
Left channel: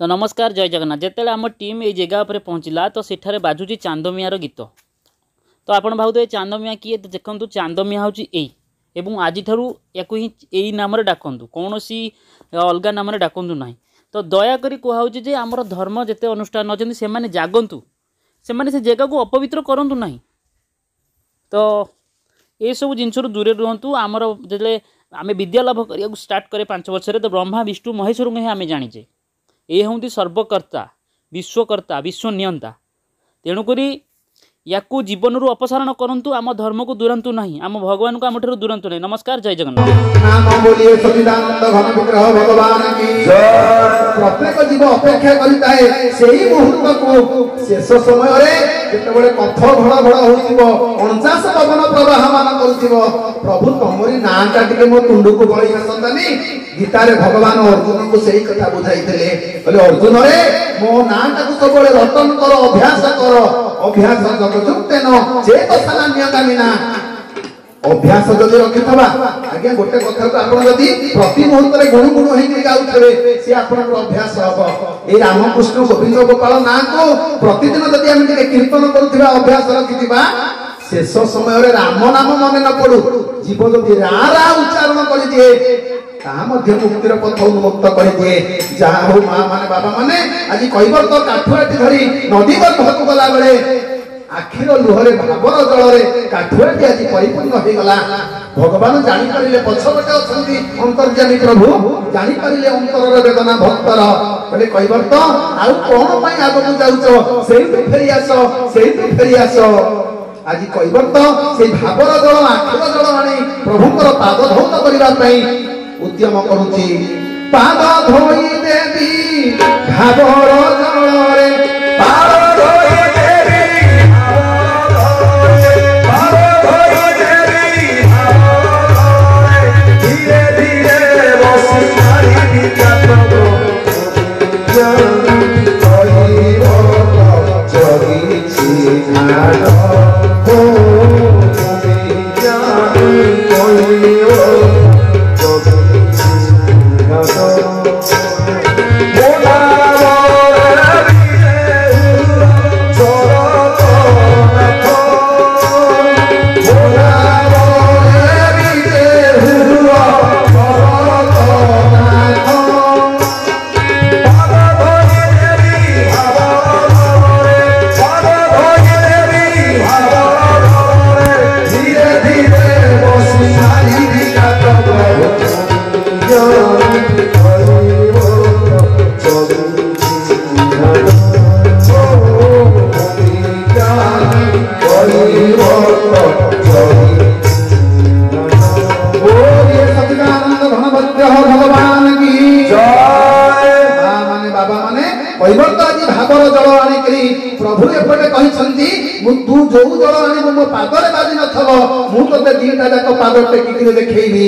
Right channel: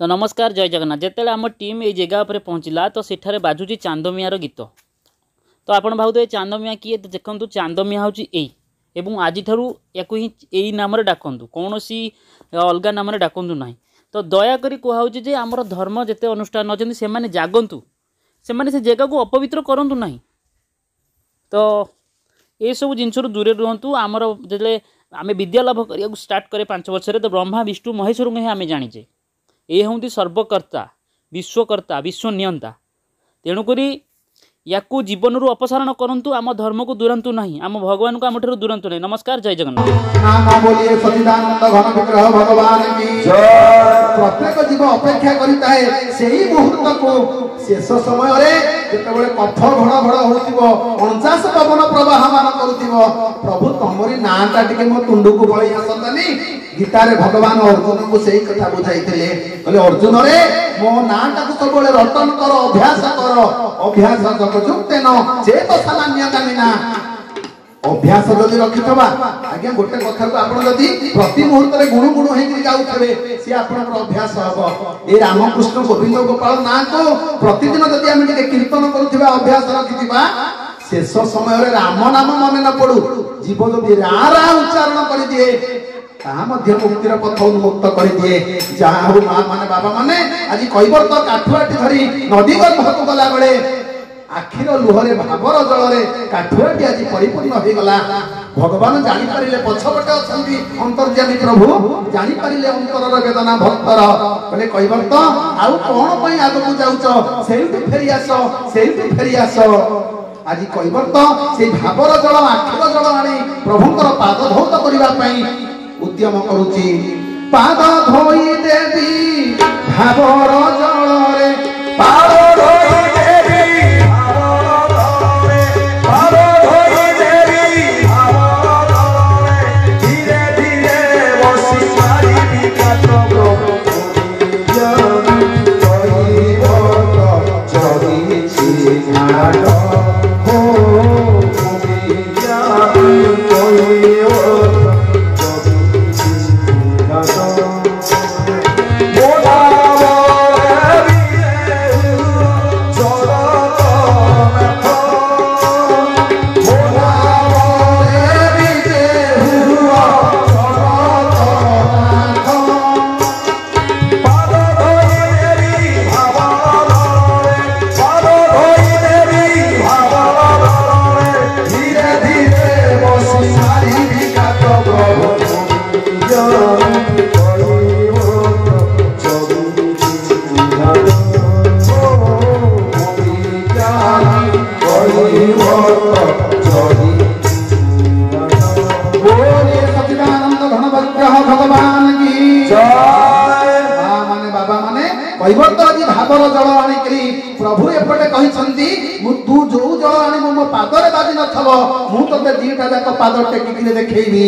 तो नमस्कार जय जगन्नाथ जिते आम टीम ये जगह पर पहुँचला तो सेठारे बाजुची चांदमियार गीत तो आपण भावुथे चांदमिया किए तो देखु चांदमिया हूँ एवं आज या ही नाम डाकतु कौन सी अलग नाम डाकतु ना तो दयाकोरी कहुचे जे आमर धर्म जिते अनुष्ठान अच्छा से मैंने जागंतु से जगह को अपवित्र करूँ ना तो ये सब जिन दूरे रुहतु आमर जो आम विद्या लाभ करने स्टार्ट करे 5 वर्ष तो ब्रह्मा विष्णु महेश्वर को आम जाचे ये हूँ सर्वकर्ता विश्वकर्ता विश्वनियंता तेणुक या जीवन रू अपसारण करंतु आम धर्म को दूरंतु नहीं आम भगवान को आम ठार दूरंतु नहीं। नमस्कार जय जगन्नाथ। नाम बोलिए सच्चिदानंद घन विग्रह भगवान की जय। प्रत्येक जीव अपेक्षा करिताए सेही मुहूर्त को शेष समय रे जेतेबेले पत्थर भड़ भड़ होइतिबो 49 पवन प्रवाहमान करथिबो प्रभु तमरी नाटा टिके मो तुंडु को बळी आसंतानी गीता रे भगवान अर्जुन को सेही कथा बुझाइतिले बोले अर्जुन रे मो नाटा को सबले रटन कर अभ्यास जगजुक्तेन चेत सामान्य कामिना अभ्यास जदि रखिथबा आज्ञा गोटे कथा को आपण जदि प्रति मुहूर्त रे गुण गुण हेकि गाउथबे से आपनक अभ्यास हबो ए रामकृष्ण गोविंद गोपाल ना को प्रतिदिन जदि हम टिके कीर्तन करूथबा अभ्यास रखिथबा शेष समय रे राम नाम मन न पडू जीव जदि रा रा उच्चारण करि दिए ता मध्य मुक्तिर पथ उन्मुक्त करि दिए जहा हो मां माने बाबा माने आज कइबर तो काठुआटी धरी नदी गर्भक गला बेले आखिर लुहरे भावर जलरे काठुआटी आज परिपूर्ण हो गला भगवान जानि परिले पछपटे अछंती अंतर्यामी प्रभु जानि परिले अंतरर वेदना भक्तर बोले कइबर तो आउ कोन पई आगु जाउचो सेइतु फेरी आसो आज कइबर तो से भावर जल आखिर जल आनी प्रभुकर पाद धौत करिबा पई उद्यम करूची पाद धोई देवी भावर जलरे पाद धोई प्रभु एपटे कहते तू जो जल आनी मो पादरे बाजी नथबो मु तते दीटा जाक पाद टेकी देखैबी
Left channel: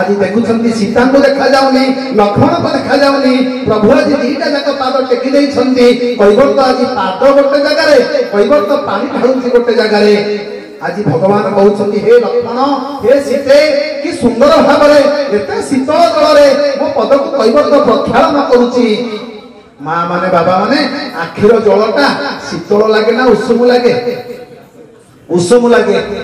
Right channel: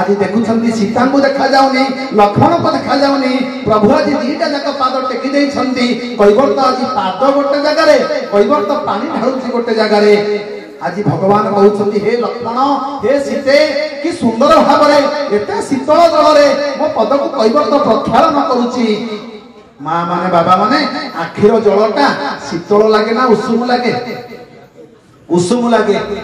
आज देखुछंती सीता को देखा जाउनी लक्ष्मण को देखा जाउनी प्रभु आज दीटा जाक पाद टेकी दैछंती कइबर तो आज पाद गोटे जगह रे कइबर तो पानी ढाळुची गोटे जगह रे आज भगवान कहउछंती हे लक्ष्मण हे सीते कि सुंदर भाबरे एते शीतल जल रे मो पद को कइबर तो प्रक्षालन करूची मां माने बाबा माने आखिर जलटा शीतल लागे ना उषुम लागे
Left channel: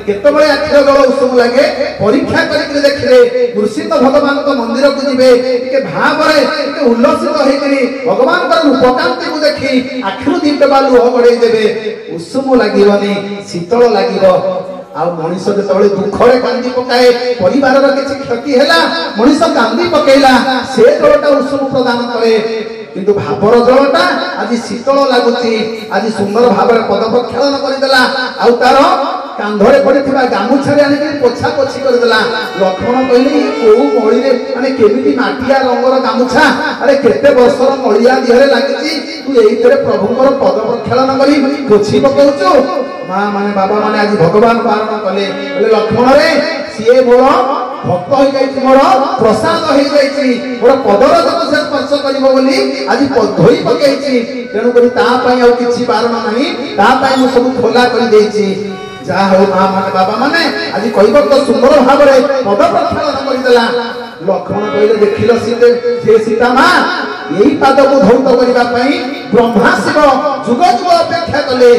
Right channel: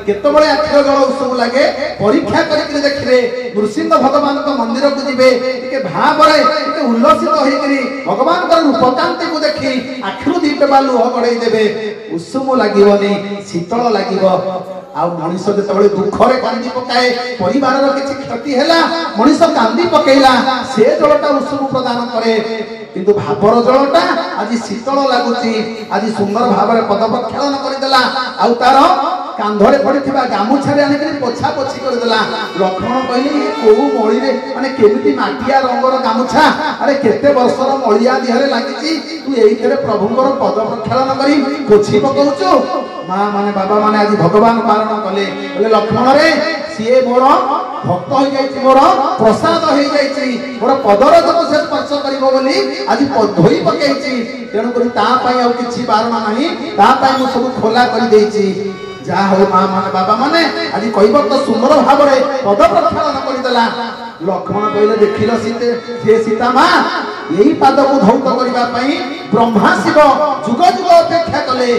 केते बळे आखिर जल उषुम लागे परीक्षा करिके देखिले कृषित भगवान को मंदिर को दिबे के भाबरे के उल्लसित होई करी भगवान कर रूपकांति को देखि आखिर दीपे बालू हो गडई देबे उषुम लागिवनी शीतल लागिवो आ मनुष्य जेतबळे दुखरे कांदी पकाए परिवार रो किछि क्षति हैला मनुष्य कांदी पकेला से जलटा उषुम प्रदान करे किंतु भावर जलटा आज शीतल लागुची आज सुंदर भाବରେ पद प्रक्षालन करदेला आ तार कांधरे पड़िथिबा गामुछारे आनि के पोछा पोछि करदेला लक्ष्मण कहले को मळी रे माने केमिति माटिया रंगर गामुछा अरे केते वर्षर मळिया दिहरे लागिची तू एइतरे प्रभुଙ୍କର पद प्रक्षालन करी पोछि पकौचो मां माने बाबा माने आज भगवान पारण कले बोले लक्ष्मण रे सिए मोर भक्त हो जाइछि मोर प्रसाद हो जाइछि मोर पदर जब से स्पर्श करिवो बोली आज धोई पकेइछि तेनु करी ता पई आ किछि बारण नाही ता पई मु सब खोला करि देइछि जा हो मां माने बाबा माने आज कइबो तो सुंदर भाबरे पद प्रक्षालन करिदेला लक्ष्मण कहले देखिलो सीते जे सीता मां एही पाद को धौत करिबा पई ब्रह्मा शिव जुग जुग अपेक्षा कले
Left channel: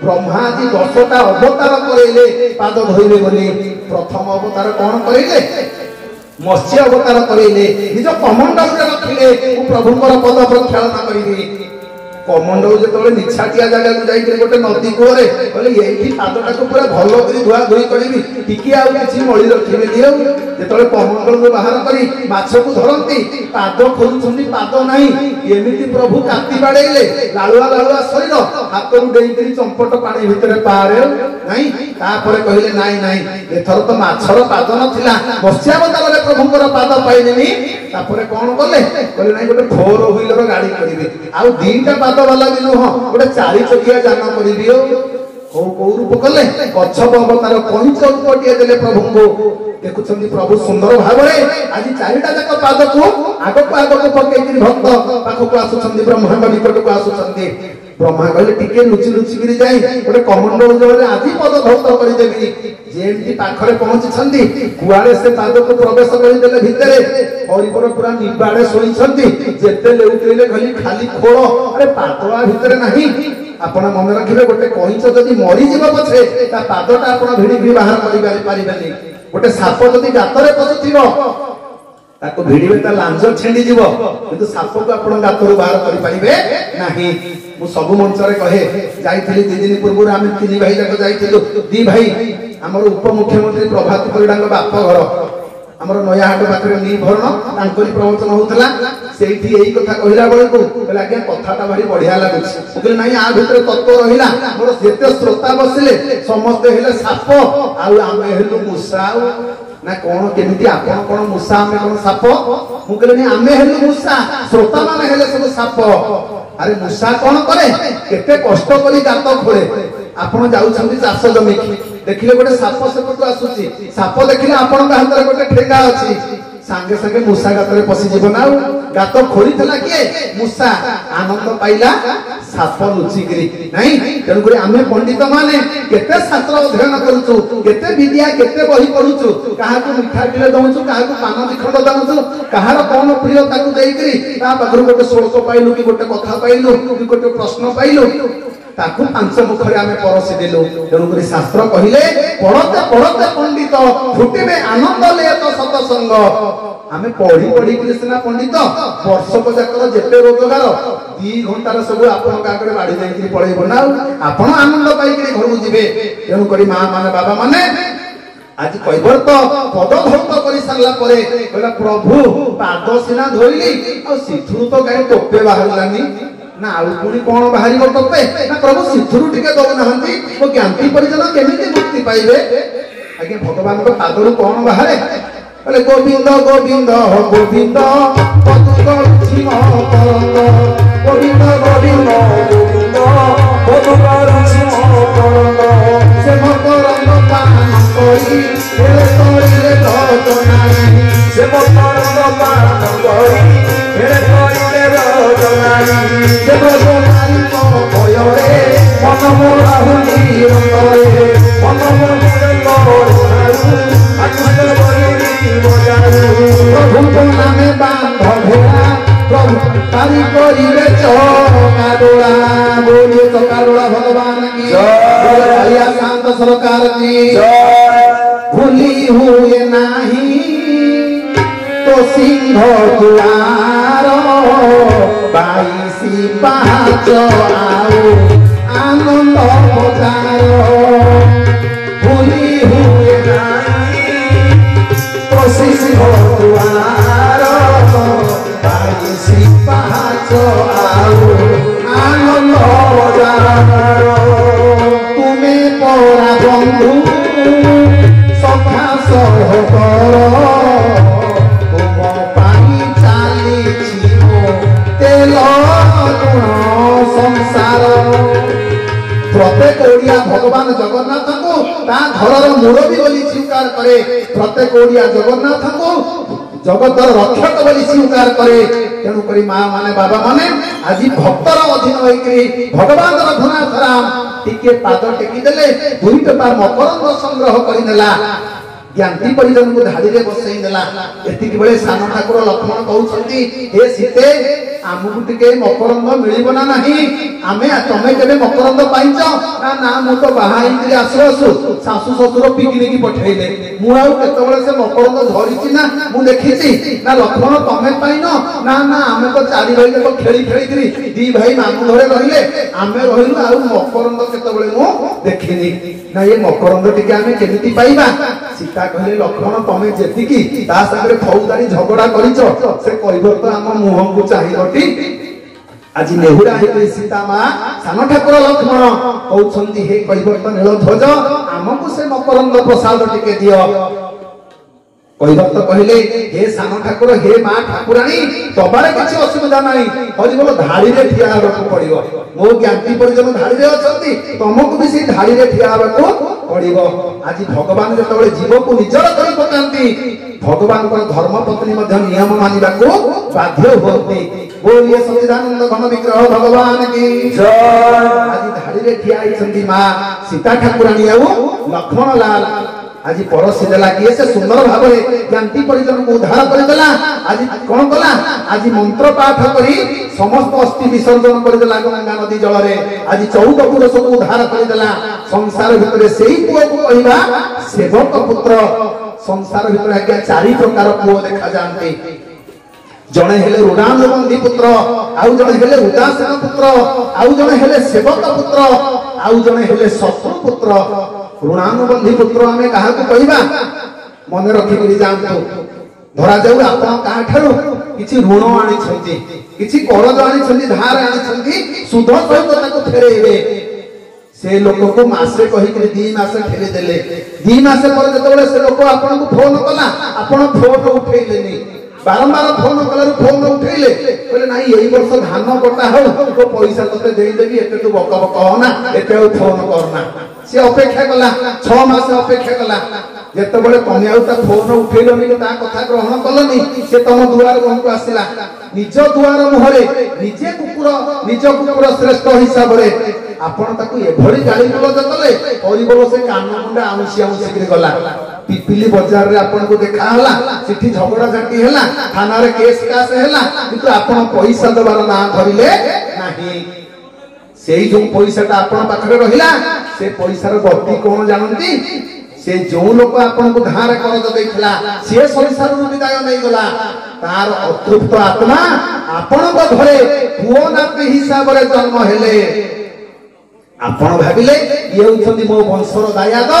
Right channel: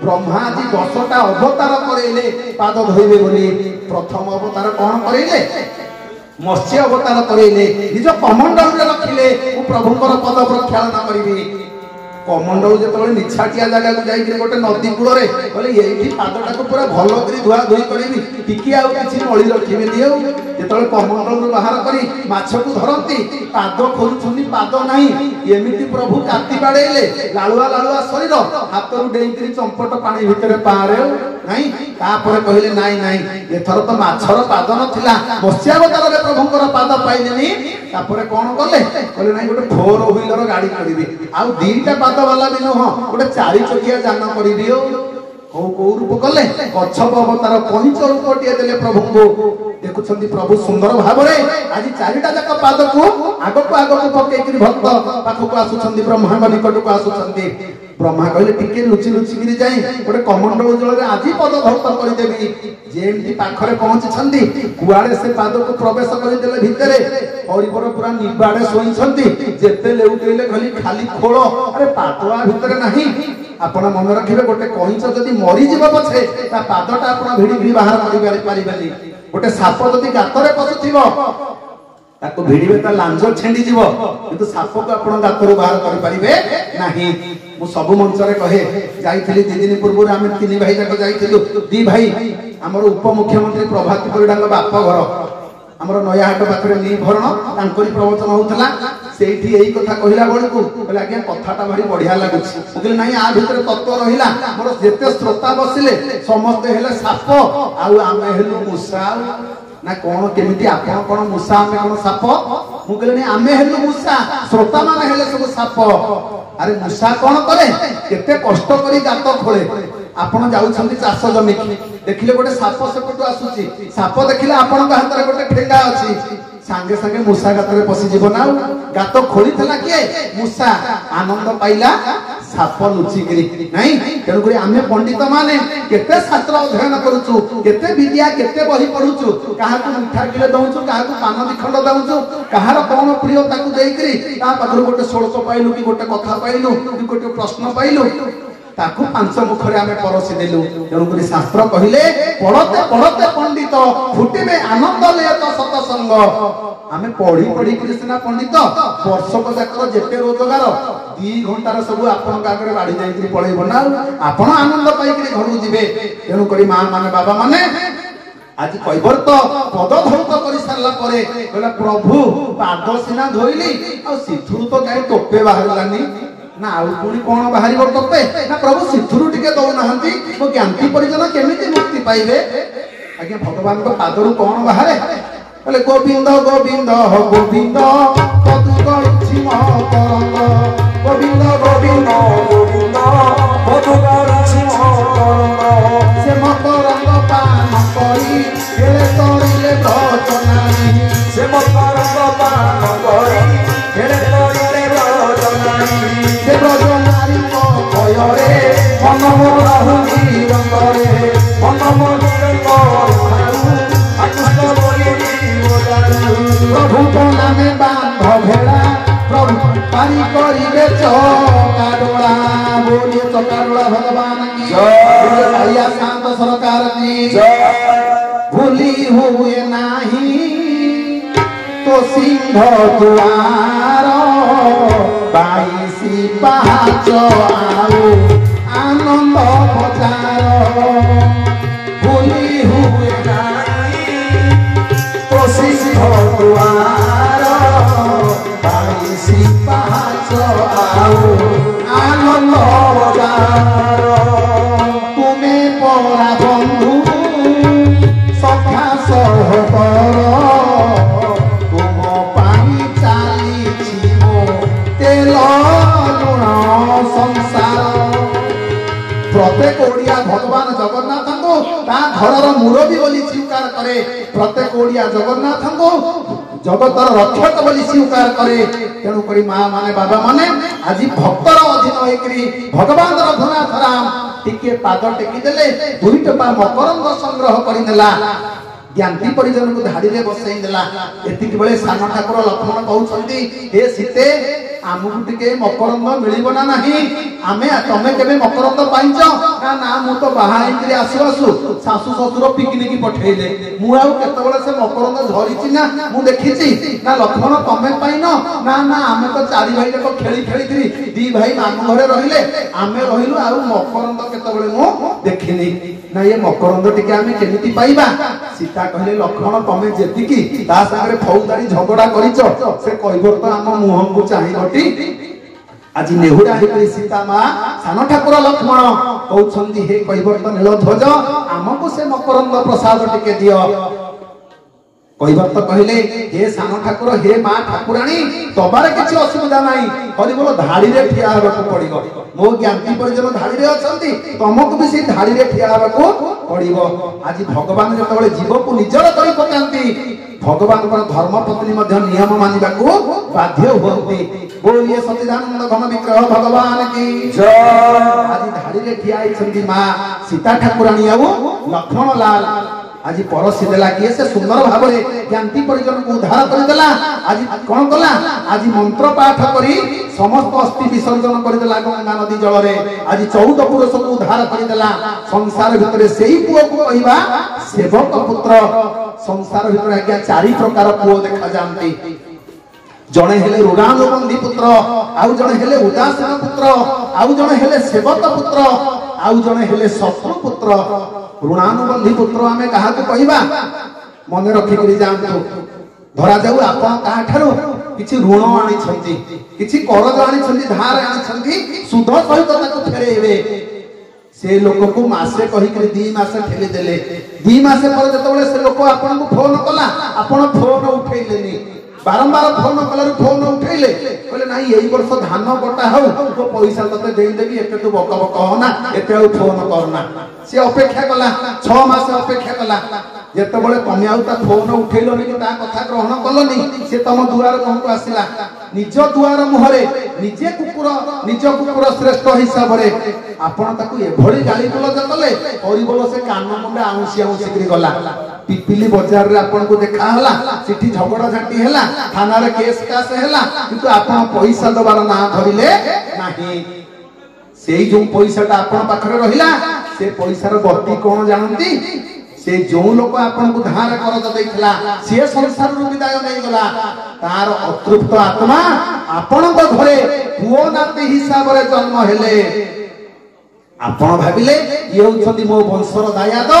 ब्रह्मा जी 10टा अवतार करैले पाद धोइबे बोली प्रथम अवतार कोन करैले मत्स्य अवतार करैले निज कमंडल रे रखिले ओ प्रभुଙ୍କର पद प्रक्षालन करिबी कमंडल जेतबळे निछाटिया जगह को जाई के गोटे नदी कुळे कहले एही पादटा को पूरा भलो करी धुआ धुई करिबी टिकी आ किछि मळी रखिबे दियो ଯେତେବେଳେ କମଣ୍ଡଳରୁ ବାହାର କରି ମାଛକୁ ଧରନ୍ତି ପାଦ ଖୋଲୁଛନ୍ତି, ପାଦ ନାହିଁ। ଏମିତି ପ୍ରଭୁ କାତି ବାଡେଇଲେ, ଲାଳୁଆ ଲାଳୁଆ ଶରୀର, ହାତରୁ ଡେଇଁକରି ଚମ୍ପଟ ପାଣି ଭିତରେ ପାରେ ନାଇଁ। ତାପରେ କହିଲେ ନାଇଁ ନାଇଁ, ଏଥର ତ ମାଛର ପାଦ ନଥିଲା, ମତ୍ସ୍ୟାବତାରରେ ପ୍ରଭୁଙ୍କର ପାଦ ପାଇଲେନି। ତାପରେ କଣ କଲେ? କହିଲେ ନାଇଁ ଗୋଟେ 4 wheeler ଗାଡି କରିବି, ଆଉ 2ଟା ପାଦ ବାଲା ବି ନୁହଁ, ଗୋଟେ 4 ଚକିଆ ଯାନ କରିବି। କୋଉ ରୂପ କଲେ? କଚ୍ଛପ ଅବତାର, କଇଁଚ ରୂପଟିଏ ଦେଲେ ପ୍ରଭୁଙ୍କୁ। ଦେଖୁଛନ୍ତି ପ୍ରଭୁ ସୁନ୍ଦର ଭାବରେ ଆଜି 4ଟା ଯାକ ପାଦକୁ ଆଗକୁ ପକେଇକିରି ଭକ୍ତ ପାଖକୁ ଆସୁଛନ୍ତି, ବ୍ରହ୍ମାଙ୍କ ନିକଟକୁ ଆସୁଛନ୍ତି। ବ୍ରହ୍ମା କହିଲେ ଟିକେ ଲୁଚି ଲୁଚିକିରି ଯାଇ ଗୋଟେ କମଣ୍ଡଳ ଜଳରେ ଆଜି ପଦ ଧୌତ କରିଦେବି। ଯେମିତି ପାଖରେ ପହଞ୍ଚିଛନ୍ତି, କୁଆଡେ ସେ ପାଦକୁ ପ୍ରବେଶ କରିଦେଲେ ଭିତରେ। ହରିବର ପୁରା ନିବାଡେ ଶୋଇଛନ୍ତି, ଯେତେ ଲେଉଟେଇଲେ କହିଲେ ଖାଲି ଖୋଳ, ଆରେ ପାଦଳା ଭିତରେ ନାହିଁ। ଆପଣ ମନେ ରଖିବେ, ଗୋଟେ କଇଁଚ ଯଦି ମରିଯିବ ପଛେ ତା ପାଦଟା ଆପଣ ଭିଡି ଭିଡି ବାହାର କରିପାରିବେନି। ଗୋଟେ ସାପ ଯଦି ଗାତରେ ପଶୁଥିବ ତାକୁ ଭିଡିବେ, ତା ଲାଞ୍ଜ ଛିଣ୍ଡିଯିବ, କିନ୍ତୁ ସାପକୁ ଆପଣ ଗାତରୁ ବାହାର କରିପାରିବେ ନାହିଁ। ମୁଁ ସବୁ ମଞ୍ଚରେ କହେ, ଯାଇଥିଲି 2 ଦିନ ପୂର୍ବରୁ, ଆମେ 3 ଭାଇ ଯାକ ଯାଇଥିଲୁ। 2 ଭାଇ, ଆମର ଉପମୁଖ୍ୟମନ୍ତ୍ରୀ ପ୍ରଭାତ ପରିଡ଼ାଙ୍କ ବାପ ଘର ଆମର ନୟାହାଟ ପାଖରେ ନିଭରଣ, ତାଙ୍କରି ପ୍ରବଚନ ହଉଥିଲା। ସେଇଠି ଏଇ କଥା କହିଲା ବେଳକୁ କହିଲେ ଆଜ୍ଞା କଥାଟା ଭାରି ବଢିଆ ଲାଗୁଛି। ମୁଁ କହିଲି ନାଇଁ, ଆ ଭିତରେ ତତ୍ତ୍ୱ ରହିଲା। ମୋର ଯେତେ ଶ୍ରୋତା ବସିଲେ ସମସ୍ତେ ହେଲେ ସାପ, ଆଉ ଆମେ ହେଲୁ ମୂଷା। ନା କଣ କେମିତି, ଆପଣ କଣ ମୂଷା, ଆମେ କଣ ସାପ? ମୁଁ କହିଲି ଆମେ ହେଲୁ ମୂଷା, ଶ୍ରୋତା ମାନେ ହେଲେ ସବୁ ସାପ। ଆରେ ମୂଷା କଣ କରେ? କେତେ କଷ୍ଟ କରି ଗାତ ଖୋଳେ। ଆପଣ ଯାଉଛନ୍ତି ଚାଷ ଜମିକି, ଦେଖିଲେ ଗୋଟେ ସାପ ସେପଟୁ ଆସୁଛି, ସାପ ଦେଖିଲେ ଆପଣଙ୍କ ହାତରେ ଗୋଟେ ଠେଙ୍ଗା ଅଛି, ସାଙ୍ଗେ ସାଙ୍ଗେ ମୂଷା ଗାତରେ ପଶିଯିବ ନା। ଆଉ ଗାତ ଖୋଳିଥିଲା କିଏ? ମୂଷା। ଆନନ୍ଦ ପାଇଲା ସାପ ଲୁଚିକିରି ନାଇଁ। ତେଣୁକରି ଆମେ ପଣ୍ଡିତ ମାନେ କେତେ ଶାସ୍ତ୍ର ଅଧ୍ୟୟନ କରୁଛୁ, କେତେ ବିଦ୍ୟା, କେତେ ବହି ପଢୁଛୁ, କାହାକୁ ମିଠା କିଲେ ଦଉଛୁ, କାହାକୁ ପାନ 2 ଖଣ୍ଡ ଦଉଛୁ, କାହାର କଣ ପ୍ରିୟ ତାକୁ ଦେଇକିରି ତା ପାଖରୁ ଗୋଟେ ଶ୍ଲୋକ ପାଇଲୁ, କି ଗୋଟେ କଥା ପାଇଲୁ, କି ଗୋଟେ ପ୍ରଶ୍ନ ପାଇଲୁ, ତାକୁ 5 ମୁଖରେ ଆମେ ପରସିଦେଲୁ। ତେଣୁକରି ଶାସ୍ତ୍ର କହିଲେ ପଢତେ ପଢତେ ପଣ୍ଡିତ ଫୁଟିବେ ଆନନ୍ଦ ଲେତ ସତସଙ୍ଗ। ଆମେ ପଢି ପଢିକିରି ସିନା ପଣ୍ଡିତ, ବର୍ଷକ ଯାକର ଯେତେ ରୋଜଗାର 2 ଘଣ୍ଟାର ସବୁ ଆପଣଙ୍କ ଆଗରେ ବାଢି ଯାଇକିରି ପଳେଇବ ନା। ଆପଣ ଆନନ୍ଦ ପାଇକିରି ଘରକୁ ଯିବେ। ତେଣୁକରି ମା ମାନେ, ବାବା ମାନେ, ଆଜି କୈବର୍ତ୍ତ ପଦ ଧୌତ କରି ସାରିଲା ପରେ କହିଲା ପ୍ରଭୁ ପାଦ ସିନା ଧୋଇଲି, ଆଉ ସିଥୁରୁ ତ କାହିଁ ଟୋପେ ବାହାରିଲାନି। ନା ଆଉ ପୁଣି କଣ ବାହାରିବ ଟୋପେ? ନା ପ୍ରଭୁ ସିଥୁରୁ ଟିକେ ଦଉନାହାନ୍ତି, ମୋ ଜ୍ଞାତି ପରିଜନ କେମିତି ମୁକ୍ତି ପାଇବେ? ଆଜ୍ଞା ଭଗବାନଙ୍କ ପାଦରୁ କଣ ବାହାରେ? କହିଲେ ଗୋବିନ୍ଦ ଗୋବିନ୍ଦ ଗୋବିନ୍ଦ ପଦୁ କରୁଛି ମକରନ୍ଦ, ଗୋବିନ୍ଦ ଗୋବିନ୍ଦ ଗୋବିନ୍ଦ ପଦୁ କରୁଛି ମକରନ୍ଦ। ସେ ମକରନ୍ଦ ପାନ କରି ହେଲେ କରିଲେ ବ୍ରତ ନାହିଁ, ସେ ମକରନ୍ଦ ପାନ କରି ହେଲେ କରିଲେ ବ୍ରତ ନାହିଁ। ସେ ବ୍ରତ ନାହିଁ ମୋ ଭୟରେ ମନ ମୋରା ହୁଲି ରଙ୍ଗରେ, ମନ ମୋରେ ପ୍ରଭୁଙ୍କ ନାମେ ବାନ୍ଧ ଭେଳା, ପ୍ରଭୁ ତାରି କରିବେ ଚକାଡୋଳା। ବୋଲିଏ ଚକାଡୋଳା ଭଗବାନ କି ଜୟ, ଶାନ୍ତ ସରକାର କି ଜୟ। ଭୁଲି ହୁଏ ନାହିଁ ତ ସିଂହ ଦୁଆର, 22 ପାହାଚ ଆଉ ଆନନ୍ଦ ପତାର। ଭୁଲି ହୁଏ ନାହିଁ ତ ସିଂହ ଦୁଆର, 22 ପାହାଚ ଆଉ ଆନନ୍ଦ ପତାର। ତୁମେ ପରା ବନ୍ଧୁ ସଖା ସହକର, ତୁମ ପାଇଁ ଚାଲିଛି ମୋ ତେଲ ଲୁଣ ସଂସାର। ପ୍ରତ୍ୟେକ ଓଡିଆ ଭଗବାନ ଜଗନ୍ନାଥଙ୍କୁ ତା ଘରର ମୁରବୀ ବୋଲି ସ୍ୱୀକାର କରେ। ପ୍ରତ୍ୟେକ ଓଡିଆ ଜଗନ୍ନାଥଙ୍କୁ ଜଗତର ରକ୍ଷକ ବୋଲି ସ୍ୱୀକାର କରେ। ତେଣୁକରି ମା ମାନେ, ବାବା ମାନେ, ଆଜି ଭକ୍ତର ଅଧୀନ ହୋଇକରି ଭଗବାନର ଧନାଧରାମ ଟିକେ ପାଦ ଟେକିଦେଲେ, 2 ଟୋପା ମକରନ୍ଦ ସଂଗ୍ରହ କରିନେଲା, ଜ୍ଞାତି ପରିଜନକୁ ଧାଡିରେ ବସେଇ ଦେଲା। ଏତିକି ବେଳେ ସାନ ଠାକୁର ଲକ୍ଷ୍ମଣ କହୁଛନ୍ତି, ହେ ସୀତେ ଆମକୁ ଟିକେ ମକରନ୍ଦ ମିଳିବ ନା ନାହିଁ? ତମେ କେବେ ମକରନ୍ଦ ପାଇଛ? ନା ମୁଁ ତ ବାହା ହେଇକିରି ଆସୁ ଆସୁ ଶାଶୁ ଶ୍ୱଶୁର ପିକନିକ ପଠେଇଲେ, ମୁଁ ଆଉ କେତେବେଳେ ସେ ମକରନ୍ଦ ଧରିଛି ନା ମୁଁ ଦେଖିଛି? ନା ଲକ୍ଷ୍ମଣ ତମେ ପାଇନ? ନା ଆମେ ତ 4 ଭାଇ ଯାକ ଖେଳି ଖେଳିକିରି 2 ଭାଇ ମାମୁଁ ଘରେ ରହିଲେ, ଆମେ ରହିଲୁ, ଆଉ ମକରନ୍ଦ କେତେବେଳେ ମୁଁ ଦେଖିନି। ନା ଏ ମକରନ୍ଦ ଟିକେ ଆମେ କେମିତି ପାଇବା? सीता कहले लक्ष्मण तमे जेतिकी ता संगे फौजदारी झगड़ा करिच से कहबो तो हम मुह को चाहिबटी आज नेहुरा हे सीता मां सान ठाकुर लक्ष्मण कहउछंती हे कहबो तो नील ध्वज हमको से मकरंद प्रसाद टिके दियो कहबो तो कहले हे सान ठाकुर हे मां ठाकुराणी तबारे किछि असुविधा नाही हरि बोल धाड़ी रे ठिया हेबाकू पड़िबो मो ज्ञाति परिजन धाड़ी रे अछंती तुमको भी से धाड़ी रे ठिया हेबाकू पड़िबो आज भगवान जतबेले जीव को निजर करि पकांती भगवान को धर्म पत्नी मध्य नियम मानिबाकू बाध्य होती बोलिए सच्चिदानंद घन विग्रह भगवान की जय आज धाड़ी रे ठिया आइछंती मां सीता ठाकुराणी आउ लक्ष्मण लाल आज पड़ोसी देला किए से सुंदर भाबरे ज्ञाति परिजन को उद्धार कर देला आज कोन कला आज मंत्र पाठ करी समस्त अस्थि विसर्जन कर देला गंगा नदी जल रे आज 14 पुरुष को उद्धार कर देला संसार भितरे सेही पुओ को कहिबा सेवक पुत्र संसार भितरे आज्ञा चारि प्रकार पुओ देखा जानती जणे हेले ऋणानुबंधी पुत्र आउ जणे हेले उदासीन पुत्र आउ जणे हेले सेवक पुत्र आउ जणे हेले शत्रु पुत्र ऋणानुबंधी पुत्र आमे कहा को कहिबा मने रखि करी जानतो धरा जाऊ आपण काहा ठारो किछि ऋण आनी छंती किछि करज आनी छंती धार आनी छंती सुध सहित ताको फेरेइबे से लोक को मासे कहि करी 2 मास ठेली देले 2 मास पर जतबेले से लोक आपण को फोन कला आपण फोन उठेइलेनी बारंबार फोन कलर फोन उठेइले कहले नाही एई वर्ष धान कटा हो तो पैसा तते देई देबी एते तू बक बक होना एते फोन करना से अपेक्षा कला 6 मास अपेक्षा कला जेतबेले तमे आउ ता फोन उठेइलोनी ता कथा ग्रहण कलनी से तम दुआर को आसिला निज दुआर मुहरे निजे कुकुर श्रेष्ठ हिसाब रे आपण ताकू एभଳି गाली गलज कले परिबल से कान मुंडा आउसी करी गला पिपिली बाजार रे आपण को देखा हला सिठी झगड़ा झाटी हला थाना रे केस कास हला किंतु आपण पैसा दबार ना धरिले नाही सेई जो पैसाटा आपण पाखरे रहिला से पैसा रो गति कोन जानंती से जो लोक आपण को धार करज दैखला से संसार रो विदाय नै गला तार अतृप्त आत्मा आपण को घरे पुओ नाती हिसाब रे जन्म हेले आपण भाबिले ये होछंती मो वंशर दायाद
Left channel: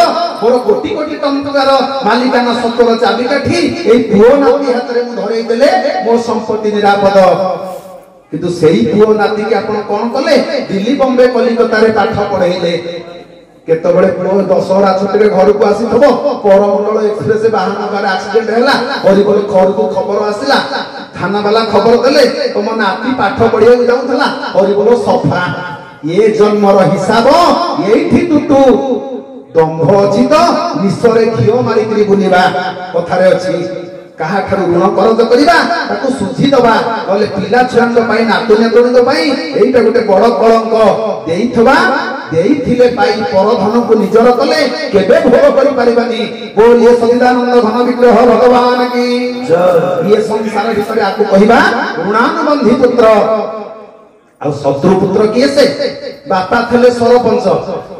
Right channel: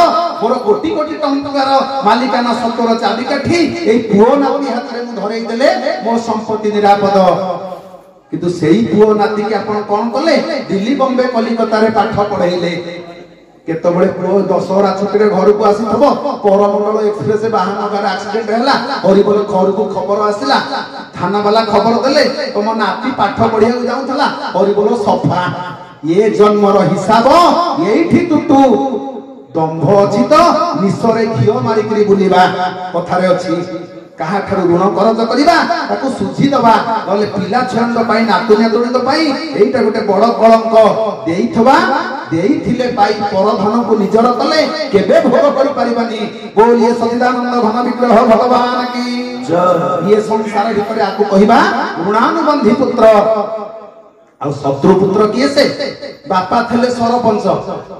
मोर कोटी कोटी टंकार मालिकाना सत्तर चाबिकाठी एई पुओ नाती हाथ रे मु धरई देले मो संपत्ति निरापद किंतु सेही पुओ नाती के आपण कोन कले दिल्ली बॉम्बे कलिकता रे पाठ पढेइले केतबळे पुओ दशहरा छुट्टी रे घर को आसीथबो करमंडल एक्सप्रेस वाहन कार एक्सीडेंट हैला हरिबोल घर को खबर आसिला थाना वाला खबर देले तुम नाती पाठ पढिया जाउथला हरिबोल सफा ये जन्मर हिसाब एठी टुटू दंभ अछि तो निश्चरे घियो मारी करी बुलिबा कथारे अछि काहा ठारू ऋण करज करिबा ताको सुझी दबा नले पिला छुआंग पई नातुनिया तोड़ी पई एइटा गोटे बड़ कलंक देइथबा देइथिले पाई पर धन को निजर कले केबे भोग करि परिबानी बोलिए सच्चिदानंद घन विग्रह भगवान की जय ये संसार भितरे आकु कहिबा ऋणानुबंधी पुत्र आ शत्रु पुत्र किए से बापा थले सरपंच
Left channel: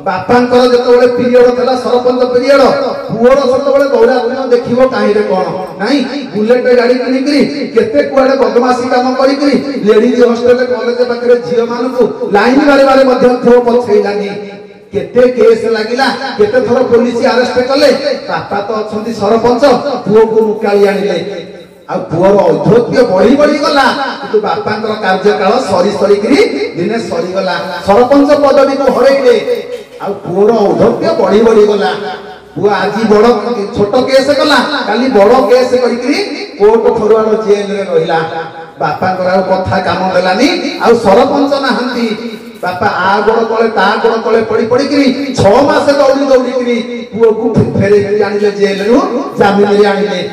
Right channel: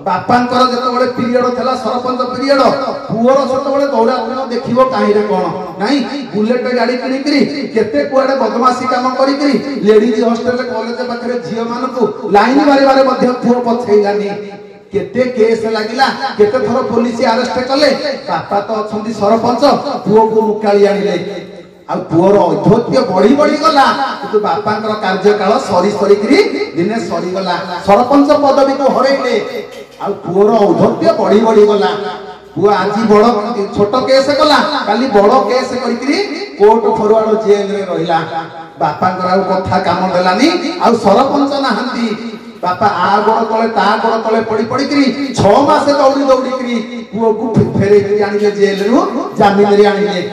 बापांकर जतबेले पीरियड थला सरपंच पीरियड पुओर सतबेले दौड़ा दौड़ा देखिबो काहे रे कोन नाही बुलेट गाड़ी किनि किरि केते कुआडे बदमाशी काम करि किरि लेडीज हॉस्टल कॉलेज पाखरे झियो मानकु लाइन बारे बारे मध्य पुओ पछैलानी केते केस लागिला केते थरो पुलिस अरेस्ट कले बापा तो अछंती सरपंच पुओ को मुकाली आनिले आ पुओर औद्धत्य बढ़ी गला किंतु बापांकर कार्यकाल सरी करी दिने सरी गला सरपंच पदवी को हरैले आ पुओर औद्धत्य बढ़ी गला पुआ आज बड़ छोट केस गला काली बड़ केस करी कोर्ट फरवार्ड जेल रे रहिला बापांकर कथा काम देलानी आ सरपंच नाहंती बापा आ गोड़ तले ता गोड़ तले पड़ी करी 6 मास दौड़ी पुओ को फेरे आनिले जेल रु जामिन रे आनिले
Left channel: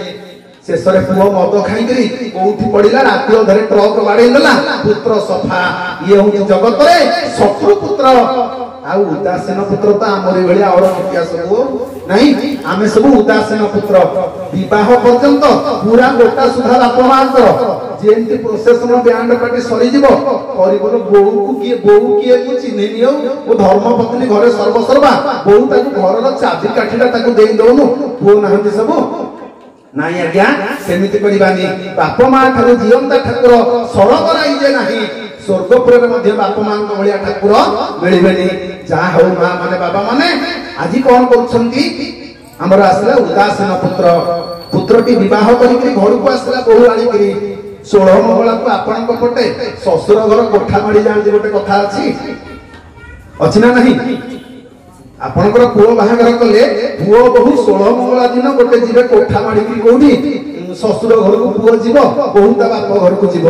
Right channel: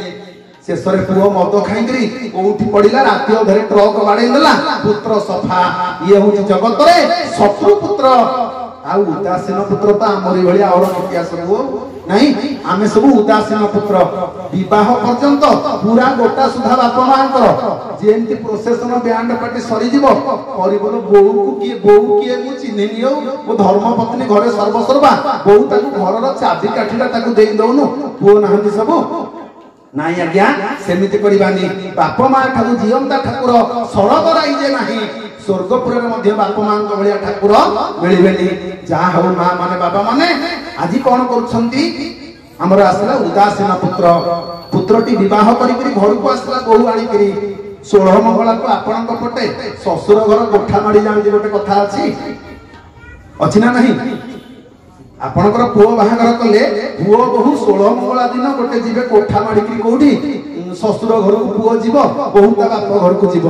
शेषरे पुओ मद खाई कोठी पड़िला राति अधरे ट्रक बाड़े देला पुत्र सफा ये हूँ जगत रे शत्रु पुत्र आ उदासीन पुत्र तो आमरी भलिया और इतिहास सब नहीं आमे सब उदासीन पुत्र विवाह पर्यंत पूरा गोटा सुधा बापा मांकर जेंति प्रोसेसन बैंड पार्टी सरी जीवो परिबल बोहू किए को चिन्हे नियो ओ धर्म पत्नी घरे सर्वसर्वा बोहू ताकू घरर चाबी काठीटा ताकू देई दोनु पुओ नाहंती सब नाई आज्ञा सेमिति करिबानी बाप मां ठाकु जीवंता ठाकुर सरग राइजे नाही स्वर्गपुर रे मध्य बाप मां को भलिया ठाकुर मिलिबेनी जा हो मां माने बाबा माने आजि कोन करछंती ଆମର ଆସିଲା ଉଦାସୀନ ପୁତ୍ର, ପୁତ୍ରଟି ବିବାହ କରିକି ଘରକୁ ଆସିଲା ବୋହୂ ଆଣିକିରି। 16 ମଙ୍ଗଳାକୁ ଆପଣଙ୍କ ପଟେ ଶ୍ୱଶୁର ଘର କୋଠା ମାଡ଼ି ଯାଉଛି ଗୋଟେ କଥା ଅଛି ନା ନାହିଁ? ଆପଣଙ୍କର ପୁଅ ବାହାଘର କଲେ ପୁଅ ବୋହୂ 16 ମଙ୍ଗଳା ଦିନ ଗୋଟେ ଯିବେ କୋଠା ମାଡ଼ିକି, କୋଉଠି ଶ୍ୱଶୁର ଘରକୁ ପୁଅ ଯିବ, ବୋହୂ ତା ବାପ ଘରକୁ ଯିବ।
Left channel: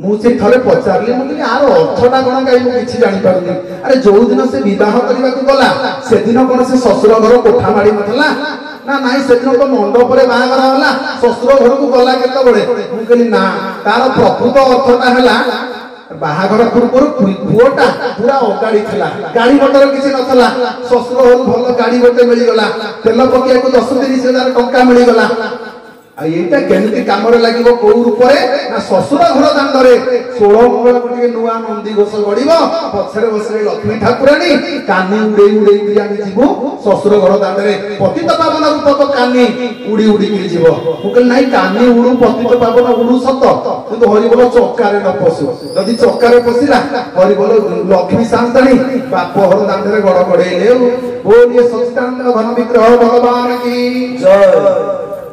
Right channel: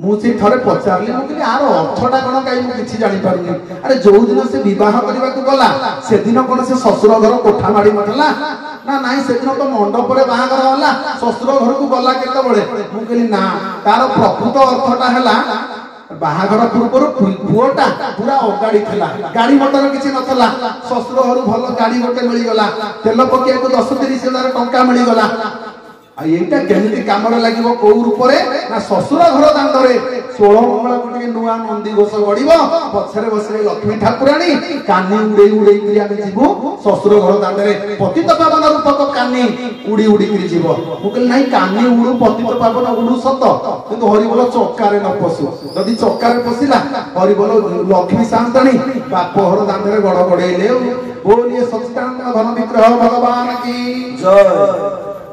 ମୁଁ ସେ ଥରେ ପଚାରିଲି, ମୁଁ କହିଲି ଆର ଅର୍ଥଟା କଣ କାହିଁ ମୁଁ କିଛି ଜାଣିପାରୁନି। ଆରେ ଯୋଉ ଦିନ ସେ ବିବାହ କରିବାକୁ ଗଲା ସେଦିନ କଣ ସେ ଶ୍ୱଶୁର ଘର କୋଠା ମାଡ଼ି ନଥିଲା? ନା ନାଇଁ, ସେଦିନ ତ ମଣ୍ଡପରେ ବାହାଘର ହେଲା, ଶ୍ୱଶୁର ଘରକୁ ଗଲା କେତେବେଳେ? ମୁଁ କହିଲି ନା, ତାର ପ୍ରକୃତ ଅର୍ଥଟା ହେଲା ବାହାଘର ପୂର୍ବରୁ ପୁଅଟା ପୁରା ଅଗାଡି ଥିଲା, ଗାଡି ମଟର କିଛି ନଥିଲା। ଶ୍ୱଶୁର ଘରୁ ଭଲ ଗାଡି ଗୋଟେ ମିଳିଗଲା, ତେଲ ପକେଇବାକୁ 10-30 ହଜାର ଟଙ୍କା ମିଳିଗଲା। ଆଉ ଏଇଟା କେମିତି କାମରେ ଲାଗିବ? କୋଉ ରୂପରେ? ନା ଶ୍ୱଶୁର ଘର ଦାଣ୍ଡରେ 16 ମଙ୍ଗଳକୁ ଟିକେ ନୂଆ ନନ୍ଦିଘୋଷ ଗଢିବ, ପଛରେ ବସିବେ ଲକ୍ଷ୍ମୀ ଠାକୁରାଣୀ, କାନି ଉଡେଇ ଉଡେଇକିରି ଆମେ ଯିବୁ ଶ୍ୱଶୁର ଘର ଦାଣ୍ଡରେ। ପତିତ ପାବନ ରୂପକ କାନି ଉଡି ଉଡିକିରି ଯିବ। ମୁଁ କହିଲି ନାଇଁ, କାନି ଉଡୁ, ପତିତ ପାବନ ଉଡୁ ସତ, କିନ୍ତୁ ହରିବୋଲ ଚକାରେ ନ ପଶୁ। ଯଦି ଚକାରେ ପଶିଲା ହରିବୋଲ ଲକ୍ଷ୍ମୀ ସାନ୍ତାଣୀ ବାପ ଘର ଦାଣ୍ଡରେ ଗଡ ଗଡେଇଲେ। ବୋଲିଏ ସଚ୍ଚିଦାନନ୍ଦ ଘନ ବିଗ୍ରହ ଭଗବାନ କି ଜୟ।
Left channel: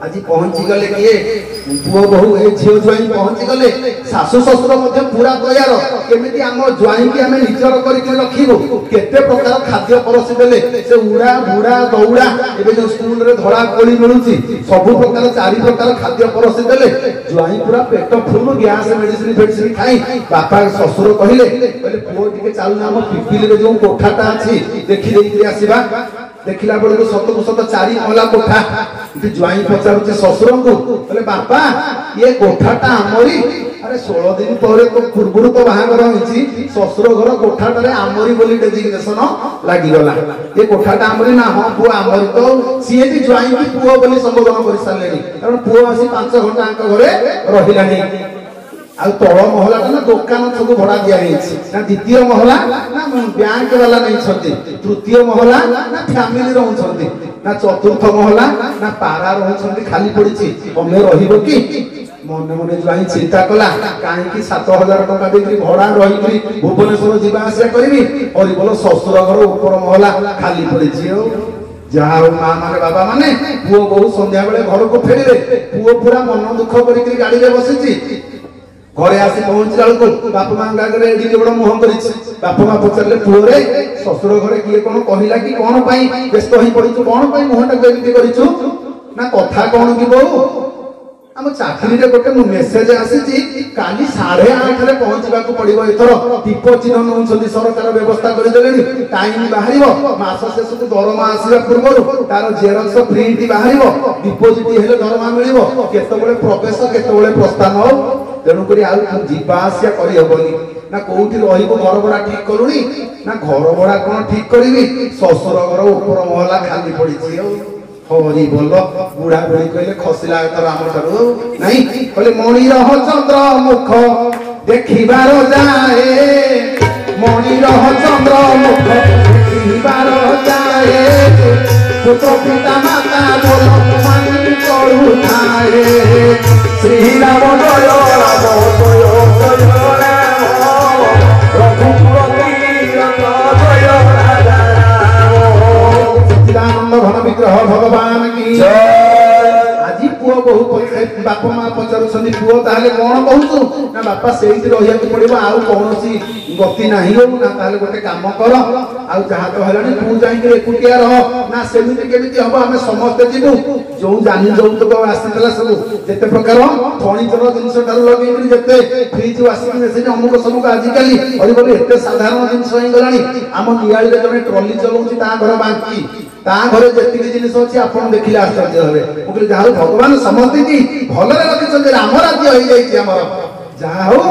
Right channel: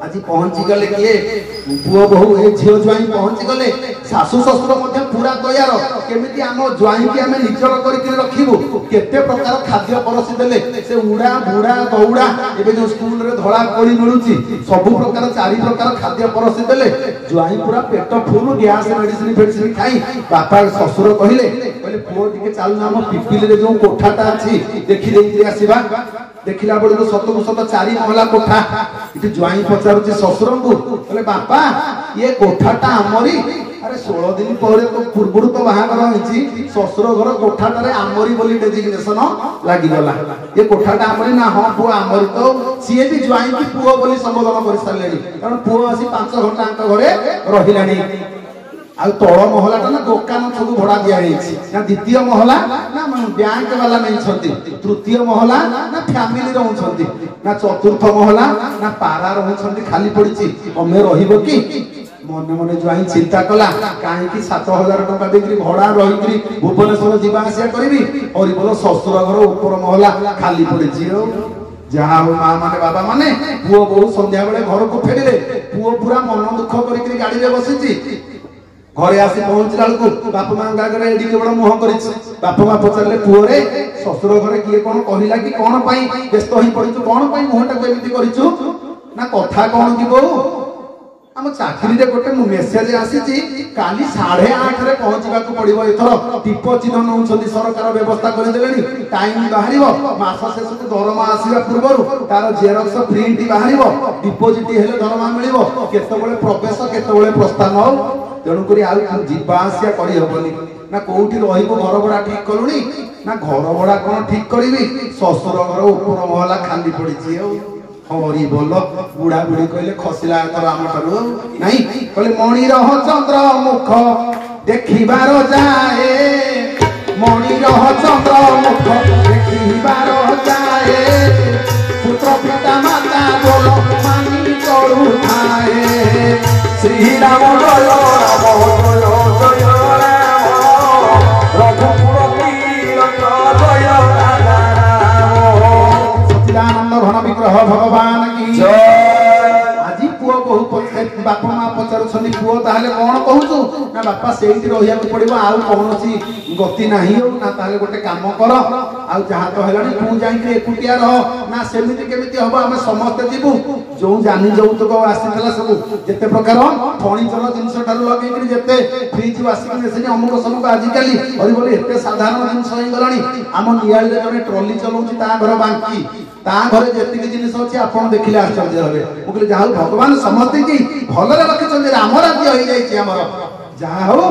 ଆଜି ପହଞ୍ଚି ଗଲେ କିଏ? ପୁଅ ବୋହୂ, ଏ ଝିଅ ଜ୍ୱାଇଁ ପହଞ୍ଚି ଗଲେ। ଶାଶୁ ଶ୍ୱଶୁର ମଧ୍ୟ ପୁରା ତୟାର, କେମିତି ଆମ ଜ୍ୱାଇଁକି ଆମେ ନିଜର କରିକି ରଖିବୁ। କେତେ ପ୍ରକାର ଖାଦ୍ୟ ପରସି ଦେଲେ, ସେ ଉଡା ବୁଡା ଦଉଡା, ଏବେ ଯୋଉ ସ୍କୁଲରେ ଧଳା କୋଳି ମିଳୁଛି, ସବୁ ପ୍ରକାର 4 ପ୍ରକାର ଖାଦ୍ୟ ପରସି ଦେଲେ। ଜ୍ୱାଇଁ ପୁରା ପେଟ ଫୁଲ, ଗ୍ୟାସ ମେଡିସିନ ଫେଡିସିନ ଖାଇ। ବାପା ଶ୍ୱଶୁର କହିଲେ ପୁଅ ଟିକେ ଚାଲୁନା, ଆମ ପିପିଲିରେ ଯୋଉ କୋଠାଟା ଅଛି ଦେଖି ଦେଇକିରି ଆସିବା। ଦେଖିଲା ବେଳକୁ ସତକୁ ସତ 4 ମହଲା କୋଠା। ଏଠି ଜ୍ୱାଇଁ ପଚାରୁଛି ଶ୍ୱଶୁରଙ୍କୁ, କହିଲେ ବାପା ଇଏ କୋଠାଟା ଆମରି? ଆରେ 16 ଦିନ ପରେ ତ ପୂର୍ବରୁ ତ ବାହାଘର ହେଇଛି, ଶ୍ୱଶୁର ଘର କୋଠାଟାରେ ଆମରି ବୋଲି ଡେଜିଗ୍ନେସନ ଲାଗିଗଲା। ଏ କୋଠାଟା ଆମରି? ନା ହଁ ପୁଅ ଆମରି। ତ ସିଏ ବି ଜ୍ୱାଇଁକି ପୁଅ ବୋଲି ସମ୍ବୋଧନ କରିସାରିଲେଣି, କାରଣ ପୁଅ ଆସି 5 ଘଣ୍ଟା ଆଙ୍କ ଘରେ ରହିଲାଣି। ଆଉ ତଳ ମହଲାଟା ନା ଦୋକାନ ସବୁ ଭଡା ଦିଆଯାଇଛି, ନା ଦ୍ୱିତୀୟ ମହଲା ନା ବ୍ୟାଙ୍କ ବାଲା ନେଇଛନ୍ତି, ତୃତୀୟ ମହଲା ନା ଫ୍ୟାମିଲି ରହୁଛନ୍ତି, ନା ଚତୁର୍ଥ ମହଲା ନା ପାରା ରହୁଛନ୍ତି ଖାଲି ପଡିଛି। ତମେ ରହିବ କି? ମନେ ମନେ ଜ୍ୱାଇଁ ଚିନ୍ତା କଲା, କାହିଁକି 7,000 ଟଙ୍କା ଦେଇକି ଭଡା ରହିକି ଭୁବନେଶ୍ୱର ଯିବା ଆସିବା କରିବି? ହରିବୋଲ ଶ୍ୱଶୁର ଘର ଉପର ମହଲା ଖାଲି ପଡିଛି। ଆଉ ଯାହା ହଉ ମା ମାନେ ବାବା ମାନେ, ପୁଅ ବୋହୂ ସନ୍ଧ୍ୟା ବେଳେ ଘରକୁ ଫେରିଲେ। ପୁଅ ପୁରା ମନ ଦୁଃଖ କରିକି ଗାଡିରେ ବସିଛି। ଘରେ ଆସି ପହଞ୍ଚିଲା ବେଳକୁ ବାପା ମାଙ୍କ ଆଗରେ ଏଡିକି ବଡ ମୁହଁ କରିଛି। ବାପା ମା ପଚାରିଲେ, ପୁଅରେ ଶ୍ୱଶୁର ଘରେ କିଏ କଣ କହିଲା କି? କଣ ପାଇଁ ବ୍ୟସ୍ତ ହେଇ ପଡିଛୁ? କଣ ପାଇଁ ମୁହଁଟାକୁ ଏମିତି କରିଛୁ? ନା କଥା କଣ କି ବୋଉ, ଆମ ଚାକିରିରେ ଗୋଟେ ମେସେଜ ଆସିଛି, କାଲି 8:30ରେ ପହଞ୍ଚିବାକୁ ପଡିବ। ଏଥର ଟିପ ଚିହ୍ନ ନେଉଛନ୍ତି, ସରକାର ବ୍ୟବସ୍ଥା କରିଦେଲେଣି। ଟାଇମ ବାହାରିବ, ମାସ ଶେଷକୁ ଦରମା ଆସିବା ପୂର୍ବରୁ ତାର ଜେରକ୍ସ ପ୍ରିଣ୍ଟ ବାହାରିବ, ଡିପୋଜିଟ ହେଲେ ଦରମା ମିଳିବ, କେତେବେଳେ ପ୍ରବେଶ କେତେବେଳେ ପ୍ରସ୍ଥାନ। ତେଣୁକରି ଆଉ ଯିବା ଆସିବା କରିହବନି। ନା କୋଉଠି ରହିବୁ? ଘର ଭଡା ଠିକ କଲୁଣି? ନା ଘର ଭଡା କଣ ଠିକ କରିବି, ଶ୍ୱଶୁର ଘର ଉପର ମହଲା ଖାଲି ପଡିଛି। ଆଉ ହରିବୋଲ। ବୁଢା ବୁଢୀ କହିଲେ, ଖସିଲା ଏଥର ଆମ ଠାରୁ ନାଇଁ। କହିଲେ ମଣିରହ ଚନ୍ଦ୍ର ମୁଖ ଦେଖିବାର ଯାଏ, ମଣିରହ ଚନ୍ଦ୍ର ମୁଖ ଦେଖିବାର ଯାଏ, ପୁତ୍ର ପିତା ମାତା ବୋଲ ମାନି କରୁଥାଏ, ଶ୍ରୀରାମ ଜୟ ରାମ ଜୟ ଜୟ ରାମ, ରଘୁପତି ଜୟ ରାଜା ରାମ। ସଚ୍ଚିଦାନନ୍ଦ ଘନ ବିଗ୍ରହ ଭଗବାନ କି ଜୟ। ଆଜି ପୁଅ ବୋହୂ ବାପା ମା ପଚାରୁଛନ୍ତି, ପୁଅ ତାହେଲେ କଣ କହୁଛୁ? ନା ବାପା ସେଇଠି ରହିବାକୁ ପଡିବ, ଆଉ କୌଣସି ଗତି ନାହିଁ। ନା ତାହେଲେ ଗୋଟେ କାମ କର, ଆଉ ଯାହା ତ ହେଲାଣି ତୁ ଯାଇକି ଏକୁଟିଆ ରହ। ନା ସେମିତି କେମିତି ହବ, ଆମେ ସମସ୍ତେ ଯିବୁ। ଯୋଉ ଜାନି ଯୌତୁକ ଆସିଥିଲା ସବୁ, ଯେତେ ପ୍ରକାର ଫର୍ଣ୍ଣିଚର ଜିନିଷ ଠାରୁ ଲଗେଇକି ଯେତେ ଫ୍ରିଜ ୱାସିଂ ମେସିନ ଅମୁକ ସମୁକ, ଆଜିକାଲି ହରିବୋଲ ଏତେ ସାଧାରଣ ଜିନିଷ ହେଇଗଲାଣି। ଆମ ନିଆଳିରେ ଜଣେ ଟ୍ରଲି ଚଲାଉଛି, ତା ଘର ବାଙ୍କି, ତା ଘରେ ଯେତିକି ଜିନିଷ ଅଛି ଆପଣ ଦେଖିଲେ ଆଶ୍ଚର୍ଯ୍ୟ ହେବେ। ମୁଁ କହିଲି ଯାହା ହଉ ଭଗବାନ ସମସ୍ତଙ୍କୁ ଭଲରେ ରଖିଛନ୍ତି, ରାମ ରାଜ୍ୟ ହେଇଯାଇଛି ଆମର। ଯାହା ହଉ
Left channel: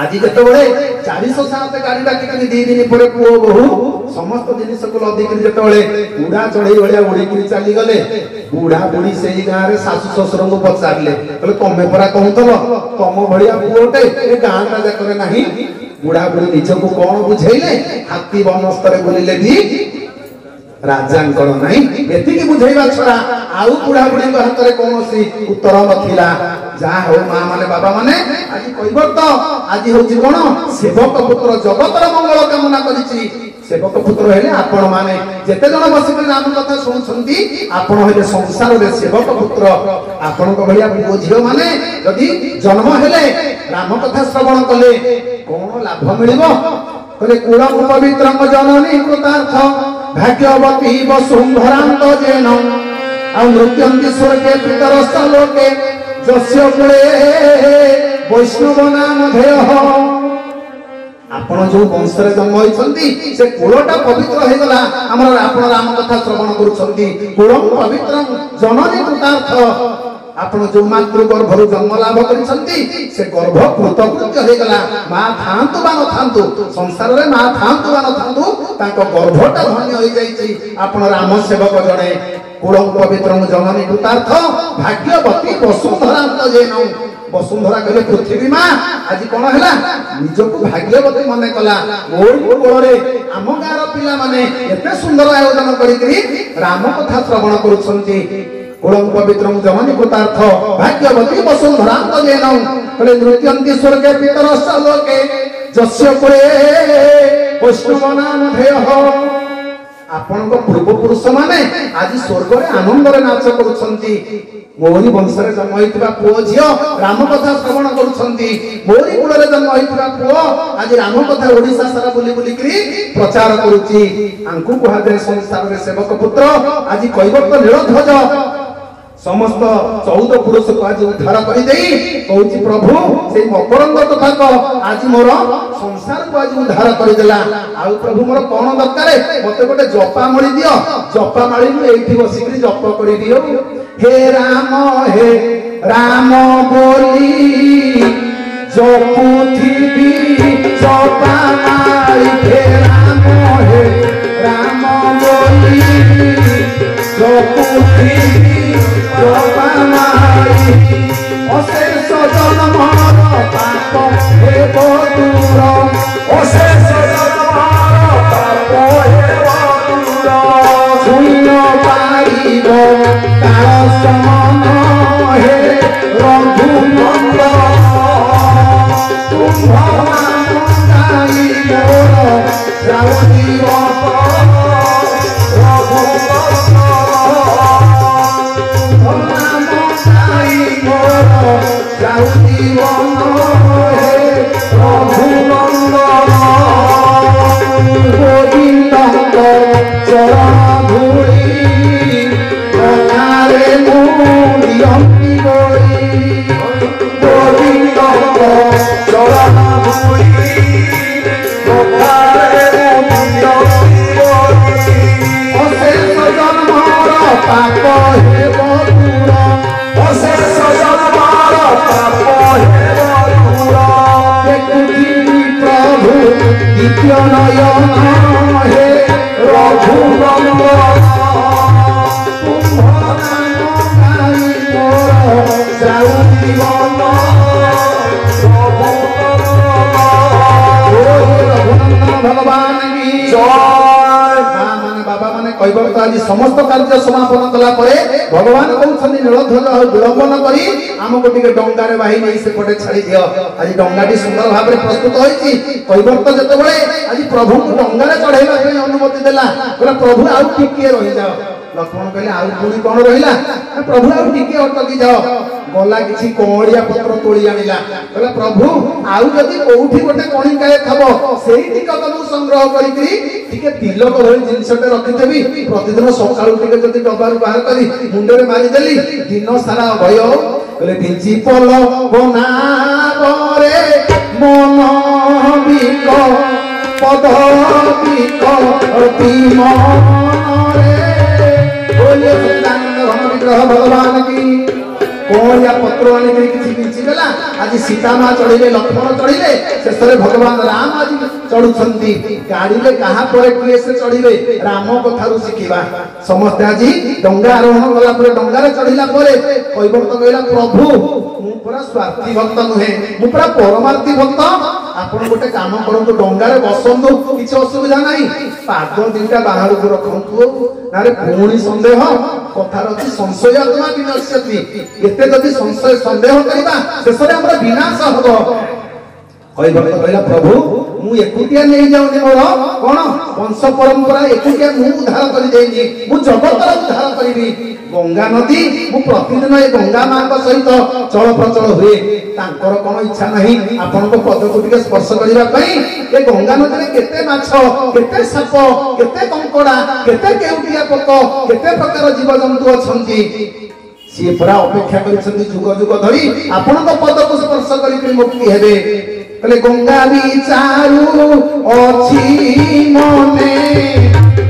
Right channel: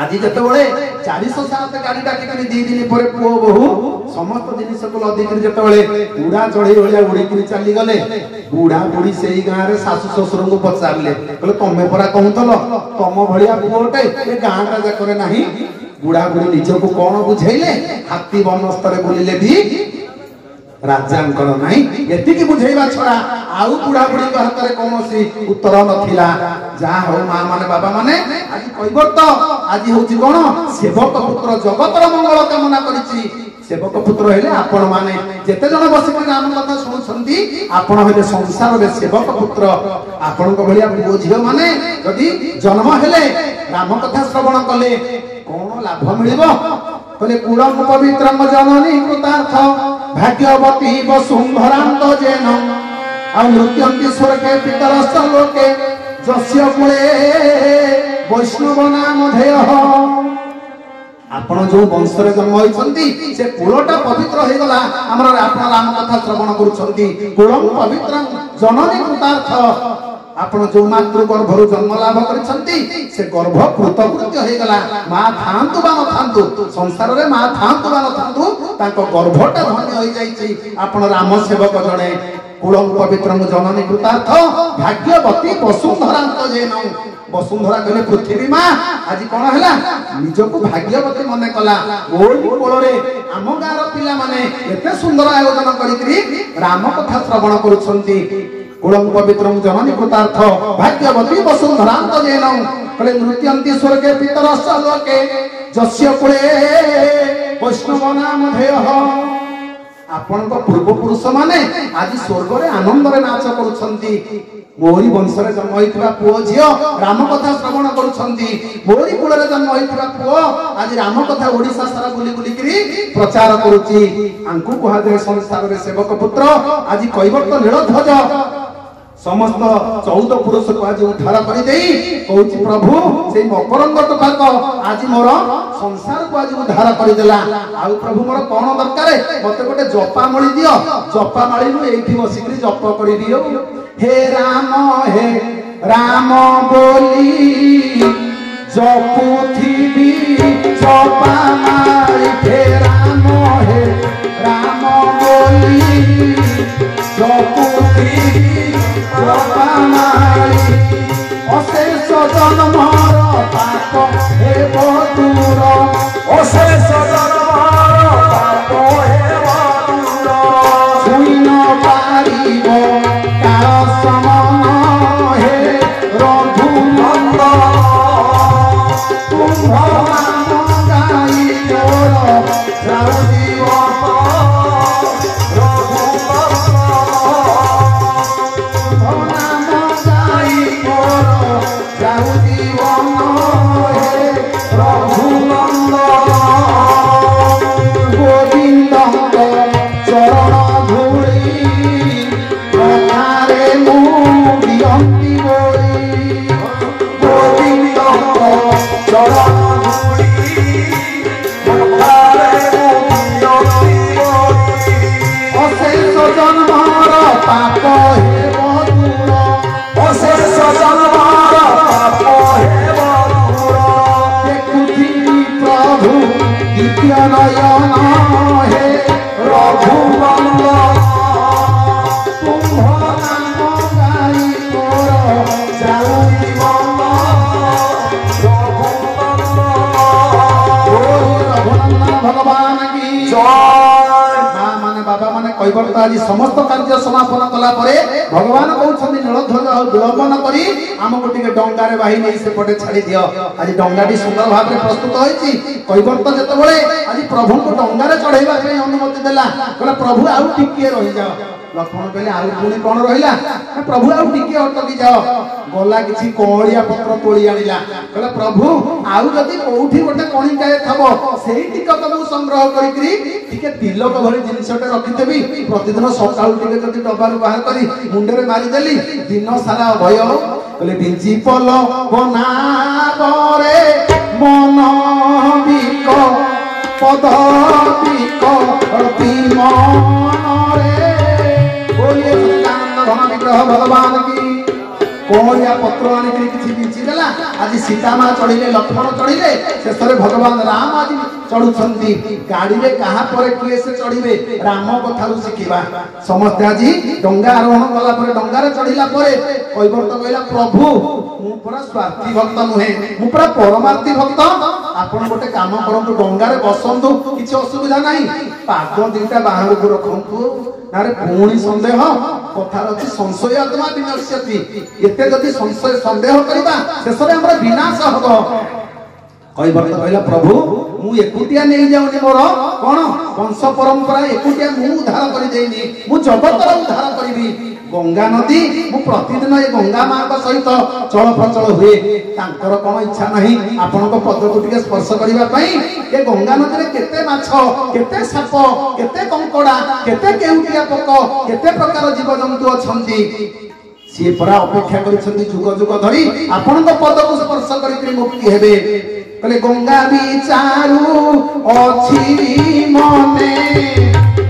ଆଜି ଯେତେବେଳେ 407 ଗାଡି ଡାକିକିରି 2 ଦିନ ପରେ ପୁଅ ବୋହୂ ସମସ୍ତ ଜିନିଷକୁ ଲଦିକିରି ଯେତେବେଳେ ଉଡା ଚଢେଇ ଭଳିଆ ଉଡିକିରି ଚାଲିଗଲେ, ବୁଢା ବୁଢୀ ସେଇ ଗାଁରେ ଶାଶୁ ଶ୍ୱଶୁରଙ୍କୁ ପଚାରିଲେ, କହିଲେ ତମେ ପରା କହୁଥିଲ ତମ ଭଳିଆ ପୁଅଟେ ଏ ଗାଁଟା ଯାକରେ ନାହିଁ। ବୁଢା ବୁଢୀ ନିଜକୁ କଣ ବୁଝେଇଲେ, ହାତୀ ବନସ୍ତରେ ବୁଲିଲେ ବି ରାଜାଙ୍କର ନାହିଁ। ଏତିକି ବୁଝେଇବା ଛଡା ଆଉ ବୁଢାବୁଢୀଙ୍କ ହାତରେ କୌଣସି ଉତ୍ତର ନଥିଲା। ଯାହା ହଉ ମା ମାନେ ବାବା ମାନେ ଆଜି କୈବର୍ତ୍ତ ଆଜି ହଉଛି କଣ ସେବକ ପୁତ୍ର ଜଗତର ମଙ୍ଗଳ କାମନା କରିଛି। ସେବକ ପୁତ୍ର ହେଲେ ଆପଣ ମାନେ ଯେତେ ଜଣ ବସିକି ରାମ କଥା ଶୁଣୁଛନ୍ତି ଆପଣ ହେଲେ ସଂସାରରେ ସେବକ ପୁତ୍ର। ଆପଣଙ୍କ ଭଳିଆ ପୁଅ ଝିଅ ମାନେ ଯଦି ଜନ୍ମ ହେଲେ ରାମ କଥା ଶ୍ରବଣ କଲେ କଣ ଲାଭ ମିଳିବ? କହିଲେ କୁଳ ପବିତ୍ରଙ୍କ ଜନନୀ କୃତାର୍ଥ ଭାଗ୍ୟବତୀ ବସୁନ୍ଧରାନ୍ତ ଜେନ ଆଉ ନୃତ୍ୟନ୍ତି ସ୍ୱର୍ଗେ ପିତରସ୍ଥ ଲୋକେ ଯସ୍ୟ କୁଳେ ବୈଷ୍ଣବ ନାମ ଧେୟ। ଆପଣ ଯୋଉ ବଂଶରେ ଜନ୍ମ ହୋଇଛନ୍ତି ସେ କୂଳଟା ପବିତ୍ର ହେଇଗଲା। ଆମର ଆପଣ ରାମ କଥା ଶ୍ରବଣ କରୁଛନ୍ତି। କୂଳ ପବିତ୍ର ଜନନୀ କୃତାର୍ଥ। ଆପଣ ଯୋଉ ମାତୃ ଗର୍ଭରୁ ଜନ୍ମ ଲାଭ କରିଛନ୍ତି ସେ ଗର୍ଭ କୃତକୃତ୍ୟ ହେଇଗଲା। ମା ଥାଆନ୍ତୁ ବା ନଥାନ୍ତୁ ସଂସାରରେ ମା ଥାଆନ୍ତୁ ବା ନଥାନ୍ତୁ ତାଙ୍କ ଗର୍ଭଟା ଧନ୍ୟ ହେଇଯାଇଛି। ଆପଣ ରାମ ସେବକ ଜଣେ। କୂଳ ପବିତ୍ର ଜନନୀ କୃତାର୍ଥ ଭାଗ୍ୟବତୀ ବସୁନ୍ଧରାନ୍ତ ଜେନ। ବସୁନ୍ଧରା କହିଲେ ପୃଥିବୀ ମା ଆଜି କଣ ହେଲା ନିଜକୁ ଭାଗ୍ୟବତୀ ମନେ କଲା। ଓଇ କୋଳରେ ଆମ ଗାଁର ପିଲାମାନେ ଏତେ ସୁନ୍ଦର ଆୟୋଜନ କରିକି ରାମ କଥା ଶ୍ରବଣ କରୁଛନ୍ତି। କୁଳଂ ପବିତ୍ର ଜନନୀ କୃତାର୍ଥ ଭାଗ୍ୟବତୀ ବସୁନ୍ଧରାନ୍ତ ଜେନ। କହିଲେ ନୃତ୍ୟନ୍ତି ସ୍ୱର୍ଗେ ପିତରସ୍ଥ ଲୋକେ ଯସ୍ୟ କୁଳେ ବୈଷ୍ଣବ ନାମ ଧେୟ। ଆପଣଙ୍କ ପୂର୍ବପୁରୁଷ ମାନେ ଆଜି ସ୍ୱର୍ଗରେ ଆନନ୍ଦରେ ନାଚ କରୁଛନ୍ତି। ମୋରି ବଂଶରେ ଜନ୍ମ ହୋଇଥିବା ପୁଅ ଝିଅ ରାମ କଥା ଶ୍ରବଣ କରୁଛନ୍ତି। ମୋରି କୂଳରେ ଜନ୍ମ ହୋଇଥିବା ପୁଅ ଆଜି ରାମ କଥା ଓଡିଶା ସାରା ବୁଲି ବୁଲିକିରି ପ୍ରଚାର କରୁଛି। ଆଙ୍କୁ କୁହାଯାଏ ସଂସାରରେ ସେବକ ପୁତ୍ର। ଆଜି କୈବର୍ତ୍ତ ନୀଳଧ୍ୱଜ ସମସ୍ତ 14 ପୁରୁଷକୁ ଆଜି ଉଦ୍ଧାର କରିଦେଇ କହୁଛି ପ୍ରଭୁ ସେଇ ମକରନ୍ଦ ତଥାକ ଆଜି ମୋର ସଂସାରକୁ ଆଜି ଉଦ୍ଧାର କରିଦେଲା। ଆଉ ପ୍ରଭୁ ମୋର କଣ ଦରକାର? ମତେ ଗୋଟେ ଜପାମାଳି ଦିଅ। ଜପାମାଳି ମୁଁ ଏଇଠି ବସିକିରି ଜପ କରିଦିଅ। ହେ ରାମ ବୋଲି ଜପୁଥିବି ଜପାମାଳି। ହେ ରାମ ବୋଲି ଜପୁଥିବି অশেষ জন্মর পাপ হেব দূর। অশেষ জন্মর পাপ হেব দূর। শূন্য পারিব তার সমান হে রঘুনন্দ। কুম্ভ গাই মোর শ্রাবণীব କୈବର୍ତ୍ତ ଆଜି ସମସ୍ତ କାର୍ଯ୍ୟ ସମାପନ କଲା ପରେ ଭଗବାନ କହୁଛନ୍ତି ନୀଳଧ୍ୱଜ ଆଉ ବିଳମ୍ବନ କରି ଆମକୁ ଟିକେ ଡଙ୍ଗାରେ ବାହି ନେଇ ସେପଟେ ଛାଡି ଦିଅ। ଆଜି ଡଙ୍ଗାଟି ସୁନ୍ଦର ଭାବରେ ପ୍ରସ୍ତୁତ ହୋଇଛି। କୈବର୍ତ୍ତ ଯେତେବେଳେ ଆଜି ପ୍ରଭୁଙ୍କୁ ଡଙ୍ଗାରେ ଚଢେଇବା ପାଇଁ ଅନୁମତି ଦେଲା କହିଲା ପ୍ରଭୁ ଆଉ ଟିକିଏ ରହିଯାଅ। ଲକ୍ଷ୍ମଣ କହିଲେ ଆଉ ପୁଣି କଣ ରହିଲା? ପ୍ରଭୁ ଆଉ ଟିକେ ଅଟକି ଯାଅ। ଗଲା କିଛି କଅଁଳିଆ ପତ୍ର ତୋଳି ଆଣିଲା। କହିଲା ପ୍ରଭୁ ଆଉ ଯଦି କୋଉଠି ଗୋଟେ କଣିକାଏ ଥବ ସେଇ ଟିକକ ମୁଁ ସଂଗ୍ରହ କରିକିରି ଟିକେ ତିଲକ ଭଳି ଜିନିଷଟେ ରଖିଦେବି। ପ୍ରତିଦିନ ସକାଳୁ ଟିକେ ଯଦି ଡବାରୁ ବାହାର କରି ମୁଣ୍ଡରେ ମାରିଦେଲି ଦିନ ସାରା ଭୟ। କହିଲେ ବିଞ୍ଚି ପଲ ବନାବରେ ମନ ବିକ ପଦ ବିକ ମନରେ बोलिए सच्चिदानंद घन विग्रह भगवान की। कौड़िया पत्र आनिक किसी बिंची देला। आज सीता माँ चढ़िले लक्ष्मण चढ़िले शेष भगवान राम आज चढ़ुंती गाड़ी में कहा पर किए से चढ़िबे राम कथारू शिखिबा। समस्ते आज डंगा आरोहण कला डंगार चढ़िला कैबर्त्त कहला प्रभु मु पूरा स्वार्थी भक्त नुहे मु पूरा परमार्थी भक्त ଆପଣ ଗୋଟେ କାମ କରନ୍ତୁ, ଡଙ୍ଗାରେ ବସନ୍ତୁ, କିଛି ଅସୁବିଧା ନାହିଁ, ପାଦ ଦିଟା ବାହାରକୁ ରଖନ୍ତୁ। ନାରେ ପୁଣି ସନ୍ଦେହ, କଥାର ଅଛି ସଂଶୟ ଆତ୍ମା ବିନଶ୍ୟତି। ଏତେ ଯଦି ସଂଶୟ ସନ୍ଦେହ କରିବା ଶେଷରେ ଆମର ବିନାଶ ହବ। କୈବର୍ତ୍ତ କହିଲା ପ୍ରଭୁ ମୁଁ ଏକୁଟିଆ ନେଇଯାଉନି, ମୋର କଣ ବଂଶ ପରମ୍ପରା ଏକୁଟିଆ ମୁଁ ଉଦ୍ଧାର କରିଦେଇନି, ମୁଁ ଜଗତର ଉଦ୍ଧାର କରିବି। ଗଙ୍ଗା ନଦୀ, ମୁଁ ପ୍ରତିଦିନ ଏ ଗଙ୍ଗା ମାଙ୍କ ସହିତ ଚଳପ୍ରଚଳ ହୁଏ, ତାଙ୍କର କଣ ଇଚ୍ଛା ନାହିଁ ଆପଣଙ୍କ ପଦକୁ ଟିକେ ସ୍ପର୍ଶ କରିବା ପାଇଁ? ଏ ଗଙ୍ଗା ନଦୀରେ କେତେ ମାଛ, କେତେ ସାପ, କେତେ କଙ୍କଡା, କେତେ କେଉଟିଆ ପୋକ, କେତେ ପ୍ରକାର ଜୀବଜନ୍ତୁ ଅଛନ୍ତି, ସିଏ ପରା ଅପେକ୍ଷା କରିଛନ୍ତି ଯୁଗ ଯୁଗ ଧରି ଆପଣଙ୍କ ପଦକୁ ସ୍ପର୍ଶ କରିକି ମୁକ୍ତି ହେବେ। କହିଲେ ଗଙ୍ଗା ବିଚାରୁ ଅଛି ମନେ,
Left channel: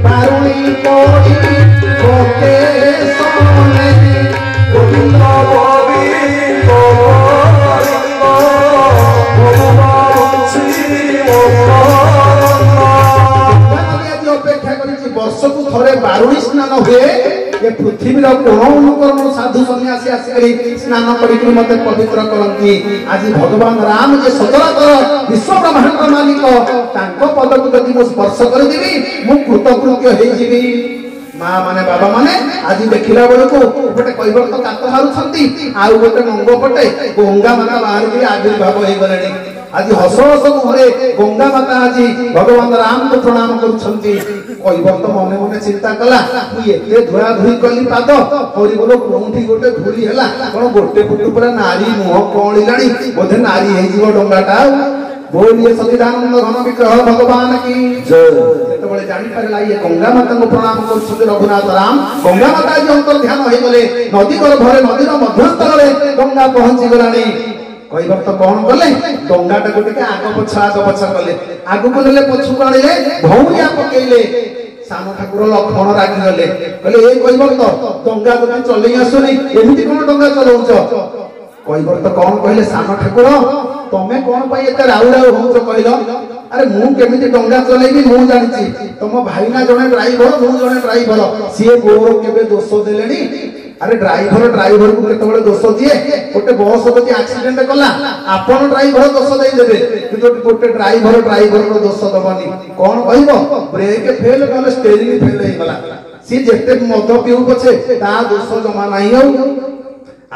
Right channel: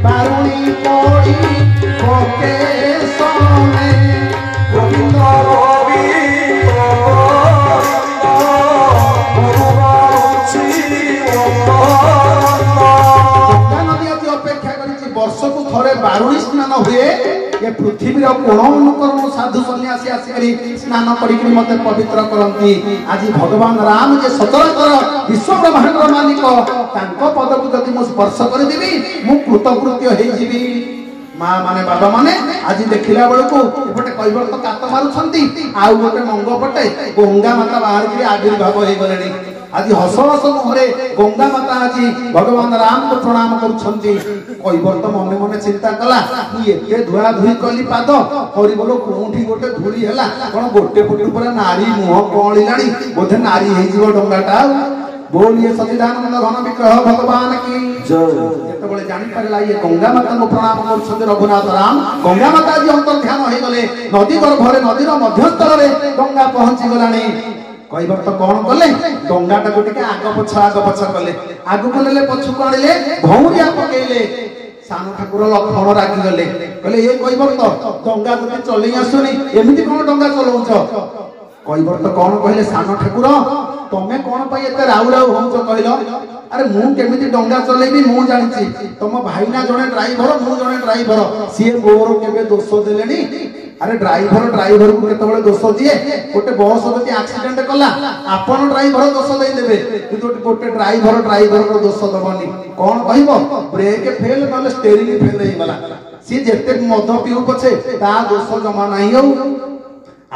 ବାରୁଣୀ ପଡ଼ି ପକେ ସନେ, ଗୋବିନ୍ଦ ଗୋବିନ୍ଦ ଗଙ୍ଗା ନଦୀ ଆଜି ଅପେକ୍ଷା କରିଛି। ବର୍ଷକୁ ଥରେ ବାରୁଣୀ ସ୍ନାନ ହୁଏ। ଏ ପୃଥିବୀର କୋଣ ଅନୁକରଣ ସାଧୁ ସନ୍ନ୍ୟାସୀ ଆସିକରି ସ୍ନାନ କରିକି ମତେ ପବିତ୍ର କରନ୍ତି। ଆଜି ଭଗବାନ ରାମ ଯେ ସଚରାଚର ବିଶ୍ୱ ବ୍ରହ୍ମାଣ୍ଡର ମାଲିକ, ତାଙ୍କ ପଦକୁ ଯଦି ମୁଁ ସ୍ପର୍ଶ କରିଦେବି ମୁଁ କୃତକୃତ୍ୟ ହେଇଯିବି। ମା ମାନେ ବାବା ମାନେ ଆଜି ଦେଖିଲା ବେଳକୁ ଗୋଟେ କୈବର୍ତ୍ତ କାତ ମାରୁଛନ୍ତି, ଆଉ ଗୋଟେ ମଙ୍ଗ ପଟେ ଗଙ୍ଗା ମାତା ବାହାରିକି ଆବିର୍ଭାବ ହେଇଗଲେଣି। ଆଜି ହସ ହସ ମୁହଁରେ ଗଙ୍ଗା ମାତା ଆଜି ଭଗବାନ ରାମଙ୍କୁ ପ୍ରଣାମ କରୁଛନ୍ତି। କୈବର୍ତ୍ତ ମନେ ମନେ ଚିନ୍ତା କଲା, ମୁଁ ଏତେ ଧୁଆ ଧୁଇ କଲି ପାଦ, ହରିବୋଲ କୋଉଠି ଗୋଟେ ଧୂଳି ହେଲା, କଣ ଗୋଟେ ଫୁଟ ପୁରା ନାରୀ ମୁହଁ କଅଁଳିଲାଣି, ବୋଧେ ନାରୀ ହେଇଯିବ ଡଙ୍ଗାଟା। ବୋଲିଏ ସଚିଦାନନ୍ଦ ଘନ ବିଗ୍ରହ ଭଗବାନ କି ଜୟ। ଯେତେବେଳେ ଜାଣିପାରିଲା ଇଏ ଗଙ୍ଗା ମାତାଙ୍କୁ ପ୍ରଣାମ କରୁଛନ୍ତି ରଘୁନାଥ ରାମ, ଗଙ୍ଗା ମାତା ଆଜି ଅନ୍ତର୍ଧ୍ୟାନ ହେଇଗଲେ ନଦୀ ଗର୍ଭରେ, ନଦୀର ମଧ୍ୟସ୍ଥଳରେ ଗଙ୍ଗା ପହଞ୍ଚି ଗଲାଣି। କୈବର୍ତ୍ତ କଣ କଲେ? ଡଙ୍ଗାଟାକୁ ଟିକେ ଆଗ ପଛ କଲେ, ଆଗକୁ ନେଲେ ପଛକୁ ଆଣିଲେ, ଭଉଁରିଆ ପକେଇଲେ। ସାନ ଠାକୁର ଲକ୍ଷ୍ମଣ ରାଗିଗଲେ, କହିଲେ ଏ କୈବର୍ତ୍ତ ଡଙ୍ଗା ତୋତେ ଚଲେଇ ଆସୁନି, ଏମିତି କଣ ଡଙ୍ଗା ଚଲଉଛ? କୈବର୍ତ୍ତ କଣ କହିଲେ, ସାନ ଠାକୁର ତମେ କଣ ପାଇଁ ଏତେ ରାଉ ରାଉ ହଉଛ କହିଲ? ଆରେ ମୁଁ କେମିତି ଡଙ୍ଗା ଚଲେଇବି ମୁଁ ଜାଣିଛି, ତମ ଭାଇନା ଜଣେ ଡ୍ରାଇଭର, ମୁଁ ଜଣେ ଡ୍ରାଇଭର, ସିଏ ମୋର କେବେ ଦୋଷ ଦେଲେଣି? ଆରେ ଡ୍ରାଇଭରକୁ କେତେବେଳେ ଦୋଷ ଦିଏ? ଗୋଟେ ବସ୍ ଯଦି ଆକ୍ସିଡେଣ୍ଟ କଲା ଆପଣ ଡ୍ରାଇଭର ଦୋଷ ଦେଇଦେବେ, କିନ୍ତୁ ଗୋଟେ ଡ୍ରାଇଭରର ଦୋଷ ଦବନି। କଣ କହିବ? ବ୍ରେକ୍ ଫେଲ ନହେଲେ ଷ୍ଟେରିଂ ଫେଲ ହେଇଗଲା, ସିଏ ଯେତେ ମଦ ପିଉ ପଛେ ତା ଦୋଷ ଜମା ନାହିଁ। ଆଉ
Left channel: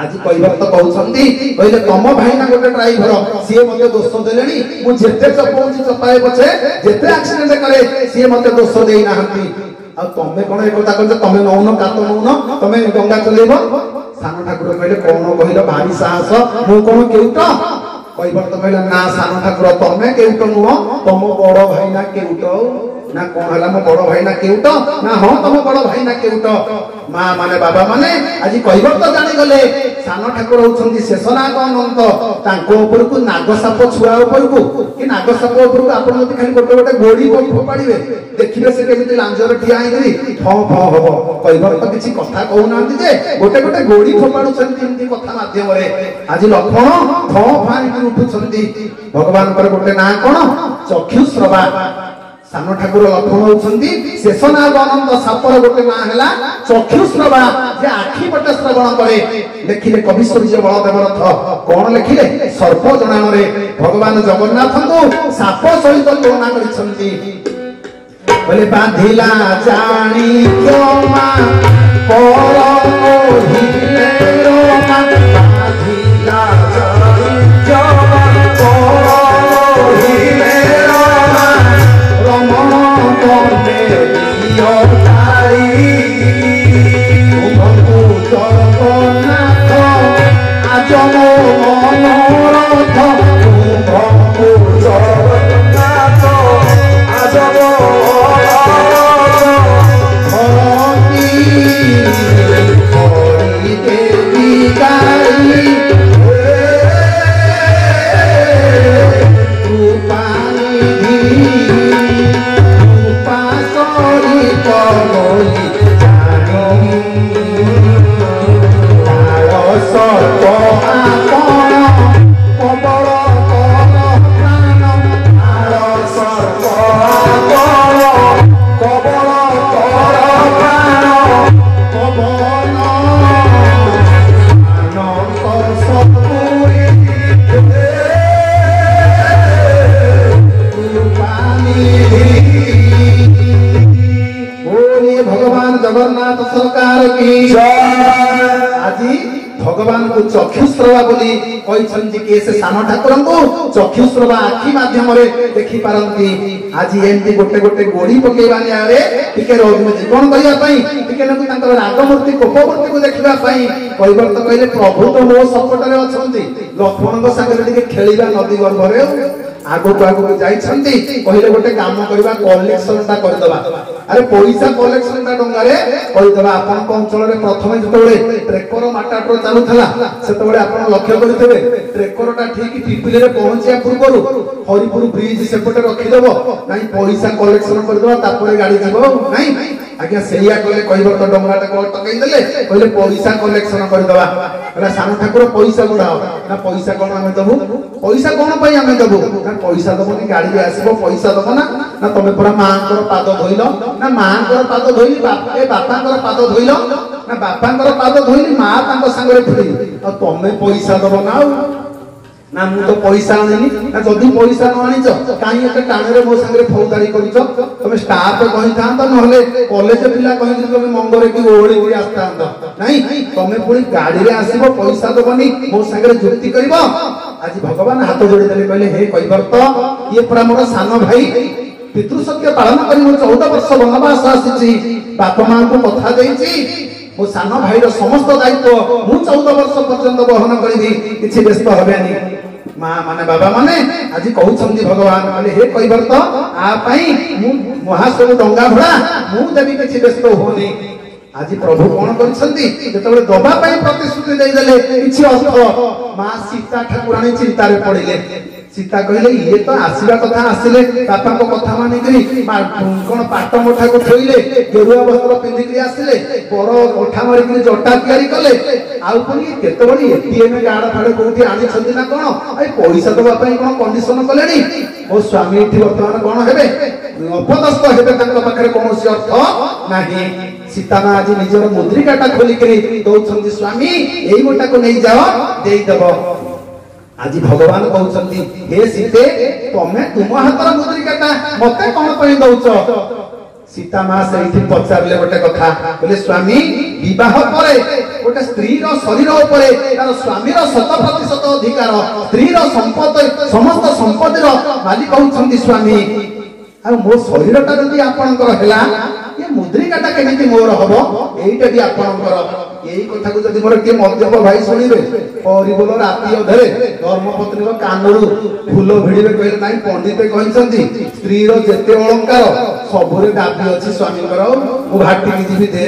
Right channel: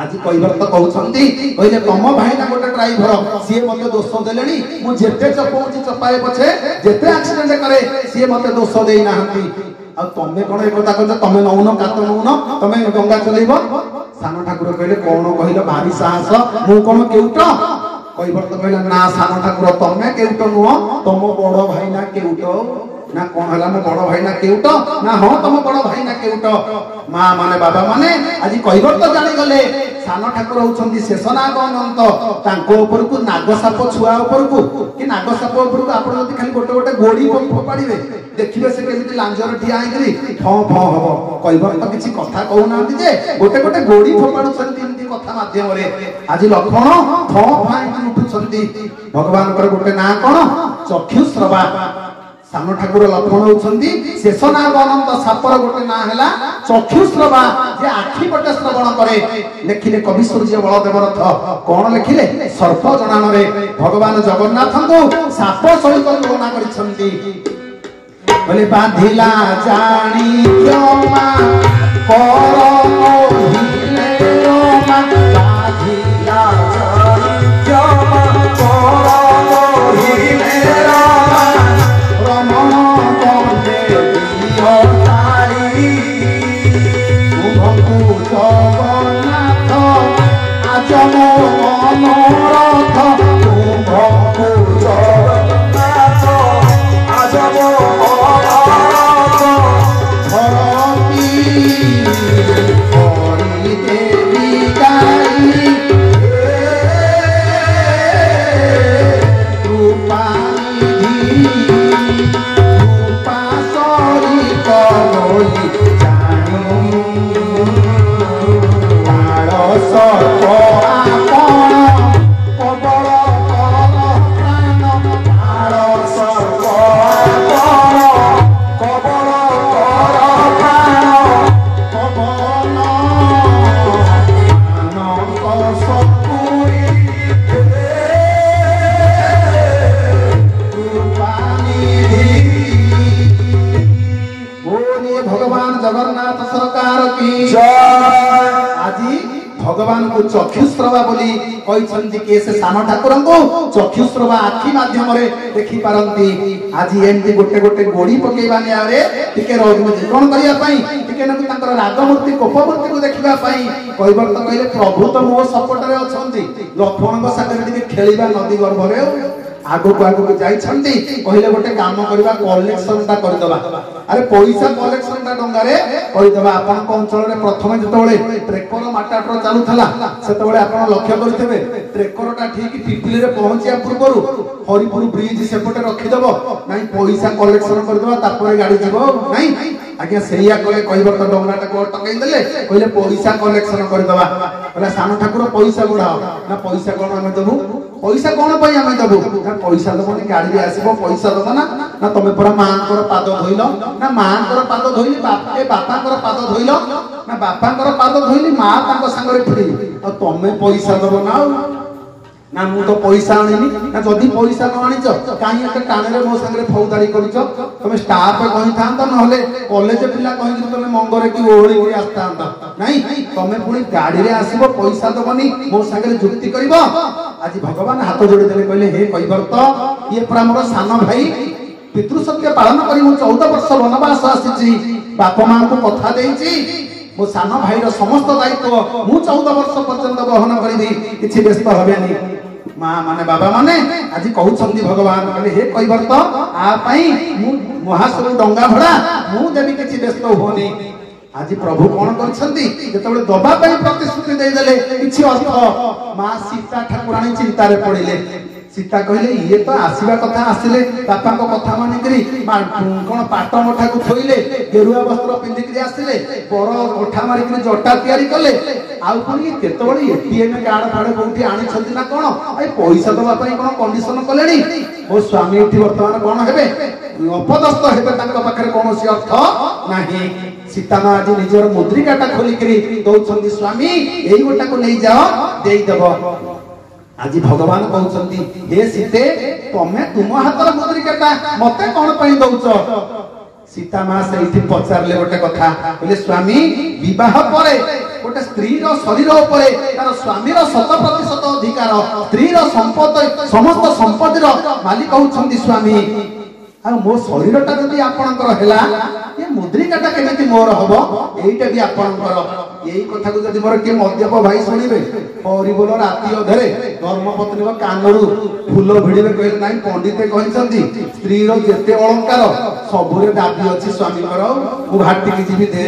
ଆଜି କୈବର୍ତ୍ତ କହୁଛନ୍ତି, କହିଲେ ତମ ଭାଇନା ଗୋଟେ ଡ୍ରାଇଭର, ସିଏ ମତେ ଦୋଷ ଦେଲେଣି, ମୁଁ ଯେତେ ଚପଉଛି ଚପାଏ ପଛେ, ଯେତେ ଆକ୍ସିଡେଣ୍ଟ କରେ ସିଏ ମତେ ଦୋଷ ଦେଇନାହାନ୍ତି। ଆଉ ତମେ କଣ ଏକଥା କହୁଛ? ତମେ ନଉନ କାତ ନଉନ, ତମେ ଡଙ୍ଗା ଚଲେଇବ? ସାନ ଠାକୁର କହିଲେ କଣ କହିଲ, ଭାରି ସାହସ, ମୁଁ କଣ କେଉଟ? କୈବର୍ତ୍ତ କହିଲା ନା ସାନ ଠାକୁର ତମେ କେଉଟ ନୁହଁ, ତମ ବଡ ଭାଇନା କେଉଟ। ନା କଣ ହେଲା, ମୋ ବଡ ଭାଇନା କେଉଟ? ନା ହଁ ତମ ବଡ ଭାଇନା କେଉଟ। ମା ମାନେ ବାବା ମାନେ ଆଜି କୈବର୍ତ୍ତ ଜାଣିଗଲେ ସାନ ଠାକୁର ହଉଛନ୍ତି ଶେଷନାଗ ଅନନ୍ତ। ତାଙ୍କ ଉପରକୁ ନାଗସାପ ଛୁଆ ଉପରକୁ କି ନାଗସାପ ଉପରକୁ ଆପଣ ଯଦି ଖାଲି ଗୋଟେ ଗୋଟେ ଗୋଡି ଫୋପାଡ଼ିବେ, ଦେଖିବେ ସେ କେମିତି ଲାଞ୍ଜରେ ଠିଆ ହେଇକରି ଫଁ ଫଁ ହବ। କୈବର୍ତ୍ତ କିଛି କଥା କହୁନାହାନ୍ତି ଯେ ଗୋଟେ ଗୋଟେ ଗୋଡି ଫୋପାଡୁଛନ୍ତି ଏମିତି କଥା ମାଧ୍ୟମରେ। ଆଜି ଲକ୍ଷ୍ମଣ ଫଁ ଫଁ ହେଇକି ଉଠୁଛନ୍ତି। ଭଗବାନଙ୍କର ଗୋଟେ ନାଁ କଣ? ଚକ୍ଷୁଶ୍ରବା। ସାନ ଠାକୁର ଲକ୍ଷ୍ମଣ ହଉଛନ୍ତି ଶେଷନାଗ ଅନନ୍ତ, ସାପର ଗୋଟେ ନାଁ ହେଲା ଚକ୍ଷୁଶ୍ରବା, ଯେ ଆଖି ପଟେ ଶ୍ରବଣ କରେ। ଲେଖିଲେ କବି ସୂର୍ଯ୍ୟ ବଳଦେବ ରଥ, କଣ ଲେଖିଲେ? ସର୍ପ ଜଣାଣରେ ଭଗବାନ ଜଗନ୍ନାଥଙ୍କୁ ସାପ ସହିତ ତୁଳନା କରିଛନ୍ତି। କହିଲେ ବାନ୍ଧିଲା ଜାଣି କ୍ଷମା କର କହିଲେ ରମା, ବାନ୍ଧିଲା ଜାଣି କ୍ଷମା କର କହିଲେ ରମା, ରମଣ ତମେ ଦିଅ ତାଳି, ତୁମକୁ ଜଗନ୍ନାଥ ଆଜ ମୋ ମନୋରଥ, ତୁମକୁ ଜଗନ୍ନାଥ ଆଜ ମୋ ମନୋରଥ, ଧରଣୀ की आज भगवान को चक्षुश्रवा बोली कहते कि से साम ठाकुर को चक्षुश्रवा आखि माध्यम देखी पारती आज एमती गोटे गोटे गोड़ी पकेवा नियारे टिके जीवन करने रागमूर्ति कोपमूर्ति को देखा कहबर तो कहले प्रभु तो मो सपटे अच्छा लक्ष्मण सागर खेलिबा नदी गर्भ आगो आगो जाइछंती कहले गोटे काम करबा कलेक्शन ता करदबा अरे पैसा कलेक्शन ता डंगारे करदबा आपन अंचल रे प्रथम जतबेले ट्रेकर माटाटर चालुथला सेतबेले आपन लक्ष्य करथिबे ट्रेकर ता ठीक पिपिली रे पहुंचिया पूर्वरु हरिपुर ब्रिज सेपटे रखि दबो नाही पैसा कलेक्शन करदबा तापर गाड़ी जीवो नाही आज्ञा सेया कहले कहबर तो डंगाटा को टकई देले कहले पैसा कलेक्शन करदबा कहला साम ठाकुर पैसा गुड़ाओ ना पैसा कोन हमें दबु पैसा कोन पई हमें दबु ना पैसा दबनी गाड़ी रे आसीबो पैसा दबो ना तमे पूरा मांकर पाद धोइलो ना मांकर पाद धोइली बापांकर पाद धोइलो ना बापांकर पाद धोइली मां तांको संगरे फिरी आ तमे पैसा दबो ना मु तो पैसा आनिनी ना जदी पैसा न आनिच काई एते टाणे रे मो संगरे फौजदारी करिच तमे स्टाफ कहि थांत नहले कॉलेज पिला कहि तमे मंगरे की ओळी की आस्तांत नहीं तमे पुणी गाड़ी रे आसीबो पैसा दबनी मो संगरे जुक्ति करिवो आज भगवान हाथ जोड़ी देले कहले हे कहिबर तो ये पूरा मोर सान भाई पितृसत्य पालन करी मु 14 वर्ष वनवास आसीची बापा मां को कथा देइची मो सान भाई रो समस्त दायित्व मु 14 वर्ष पर्यंत वहन करिबी किछि व्यस्त हबेनी मां माने बाबा माने आज कहउछंती भगवान कहले हे कहिबर तो आ पई मु महासव डंगा भड़ा मु देबी किछि व्यस्त होनी आज प्रभु कौन करछंती जेतबेले दबा पई प्रतिश्रुति देई देले किछि अर्थ मां सीता ठाकुराणी चिंता रे पड़िले सीता कहले ये तो आसीबा कथा आसिले बापा को कथा मानि करी कोन पाट मोठा को थोइले गेरुआ वस्त्र पिंधि करी आसिले बड़ कोठा मारि करी जटा तयारी कले आउ पुनी केतबडी एटीएम गाड फाडे कोठी आनी छंती ना कोन ए पैसा दबा पई कोन कंडीशन कलेनी ओ स्वामी एठी वर्तमान कोन हेबे अपदस्थ हेबे तांको पाखरे कोनोसी अर्थ नाही सीता मां आज निजर मुद्रिकाटा खोली करी दौछंती स्वामी एई गोटा को नहीं जाओ देई दबो आज भगवान कहउछंती हे सीते तमे तुम हातर मुद्रिकाटा मते कोन पई दउछ सीता मां सेठी पचारले गोटे कथा बोले स्वामी विवाह परे गोटे स्त्री रो शरीर उपरे तार स्वामी रो 100% अधिकार स्त्री रो संपत्ति समस्त संपत्ति रो मालिक कहउछंती स्वामी आ मो शरीरटा जदी आपनकर हेला ये मुद्रिकाटा केमिति मोर हबो एइटा भी आपनकर एई कथा को जदी मोर के मध्यप भाई सुनिबे परिबोल राती अधरे धर्मपत्नी को कानरू फूल भिड़िबे कहले नाही पंडिते कहिसंती स्त्री रो जेते अलंकार सबुरे दाबी अछि स्वामी कर मु घाटी की जीवी दे